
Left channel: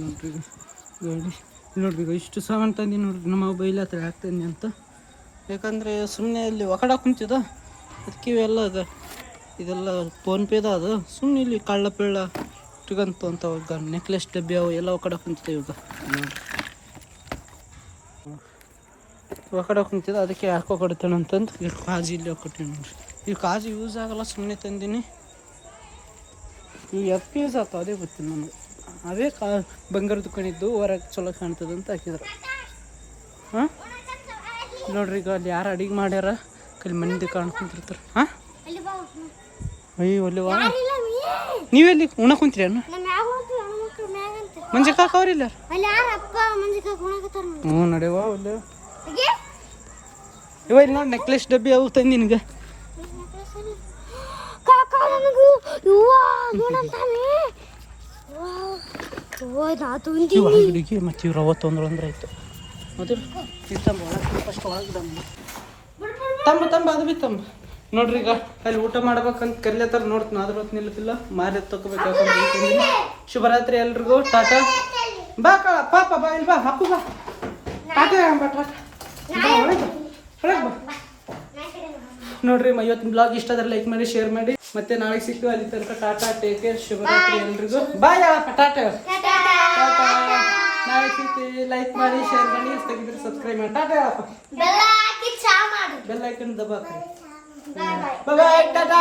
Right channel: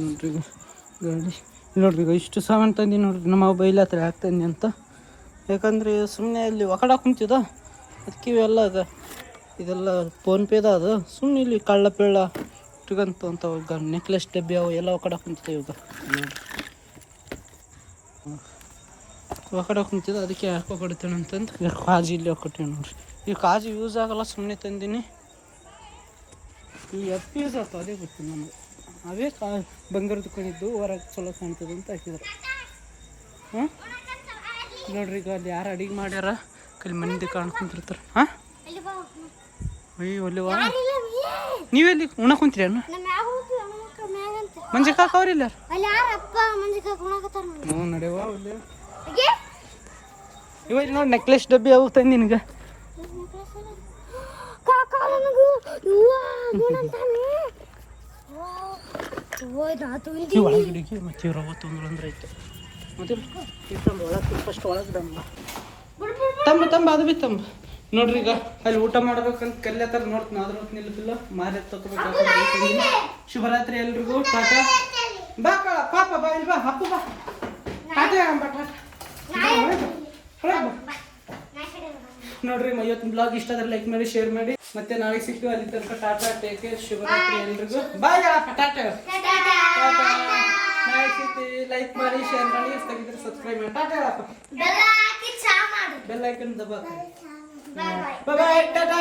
ನೋಡ್ರಿ ಈಗ ಗಾಡಿ ನೋಡ್ರಿ. ಈಗ ಇಷ್ಟು ಸಾಮಾನು ತಂದು ನೋಡ್ರಿ. ನಮ್ಮ ಬೈಲ ಹತ್ರ ಯಾಕೆ ತಂದಿ ಅಂತ. ಯಾಕಂದರೆ ಸುಮ್ಮನೆ ಇಲ್ಲಿ ಒಕಡ ಕುಂತಿದ. ಅದಕ್ಕೆ ಇವೆಲ್ಲ ಅದ. ಇದೆಲ್ಲ ಫೋನ್ಪೇದ ಅದು. ಸುಮ್ಮನೆ ಇಲ್ಲಿ ಕಳ್ಳ ಪೇಳ ಇಟ್ಕಂತು ಅಂತ ಈಗ ನೆಕ್ಲೆಸ್ ಡಬ್ಬಿ ಅವು ಎಲ್ಲ ಒಕಡ ಕುಂತಿದೆ. ಇವಾಗ ನೋಡ್ರಿ ಒಕಡ ಕುಂತಿದ್ದ. ಅದಕ್ಕೆ ಯಾಕೋ ಕೊಡ್ತೇನೆ ಅಂತಂದು ಕಾಜು ಇಲ್ಲಿ ಹಾಕೊಡ್ತೀನಿ ನೋಡ್ರಿ. ಈ ಕಾಜು ಯೂಸ್ ಆಗೋಲ್ಲ, ಸುಮ್ಮನೆ ತಂದೀನಿ. ಈ ಎಪ್ಪು ಯೂಸ್ ಆಗ್ತಾವ ಅದೇ ಗೊತ್ತಿಲ್ಲ ನಮಗೆ. ಅವೇ ಬಂಗಾರ ದುಕಾನಿದ್ದು ಹೊರಗೆ ಚಲೋ ಕಾಣ್ತದೆ ಅಂತ ಹಾಕಿದ್ರು. ಹಾಂ ನೋಡ್ರಿ. ಈಗ ಅಲ್ಲಿ ಯಾರು ಅಡಿಗೆ ಮಾಡ್ಯಾರ ಕಲ್ಲಿ ಮನೆದು ಕಾಣ್ಕೊಂತಿರ್ತಾರೆ. ಹಾಂ ಅಯ್ಯೋ ಒಲ್ಲಿವಾ ನೀವೆಲ್ಲಿ ಉಣ ಕುಂತೀರಿ ಅಣ್ಣ? ಮಂಜಿ ಕಾಕ ಅವ್ರಿಲ್ಲ. ಹ್ಞೂ ನಡೆವ ಒಲ್ಲೆ ಇವ ಇಲ್ಲಿ ನೋಡಿ. ನೆಕ್ಲೆಸ್ ಡಬ್ಬಿ ಅವು ತಂದು ನಿನಗೆ. ಒಳಗಿಡಿಗೆ ಮತ್ತು ಇವ್ರು ಅವತ್ತು ಅಂದ್ರೆ ಆಯ್ತು. ಮತ್ತೆ ಈಗ ತಂಬ ಒಳಗೆ ಫಸ್ಟ್ ಒಳಗೆ ತಂಬ ಅದು ಭೀ ತಂಬ ನೋಡ್ರಿ. ಈಗ ಅಲ್ಲಿ ಊಟ ಮಾಡ್ಬೇಕಂತ ಕರಿಲತ್ತಾರ. ನೋಡ್ತೀನಿ ಆದ್ರೂ ಹೊತ್ತು ನಿಲ್ಲತಿಲ್ಲ. ಮಾರಿ ತೊಗೋಬೇಕು. ಯಾಕಂದ್ರೆ ಶುಭರಾತ್ರಿ ಎಲ್ರಿಗೂ. ಟಾಟಾ. ಬಾ ಕಳ ಪಾಪ ಬಾ ಇಲ್ಲಿ ಬಾ ಅಪ್ಪು ಬಾ ಟಾಟಾ ಬಾ ಟಾಟಾ ಬಾ ಒಳಗೆ ಬಾ ನೋಡ್ರಿ ಇವತ್ತಿನ ಬ್ಲಾಗ್ ಇಷ್ಟ ಆದ್ರೆ ಲೈಕ್ ಮಾಡಿ ಶೇರ್ ಮಾಡಿ ಮತ್ತೆ ನಾಳೆ ಸಿಕ್ತು ಅಲ್ಲಿ ತನಕ ಟಾಟಾ ಟೇಕ್ ಕೇರ್ ಶುಭರಾತ್ರಿ ಎಲ್ರಿಗೂ ಬಾಯ್ ಟಾಟಾ ಟಾಟಾ ನಾಳೆ ಸಿಕ್ತಿ ಲೈಕ್ ಮಾಡಿ ಶೇರ್ ಮಾಡಿ ತೆಗಿದ್ರೆ ಸಬ್ಸ್ಕ್ರೈಬ್ ಮಾಡಿ ಟಾಟಾ ಬೆಲ್ಲ ಹಾಕಿ ಚಾ ಮಾಡಿ ಬೆಲ್ ಐಕನ್ ದಬಾಕ ಬಾಯ್ ಬಾಯ್ ಟಾಟಾ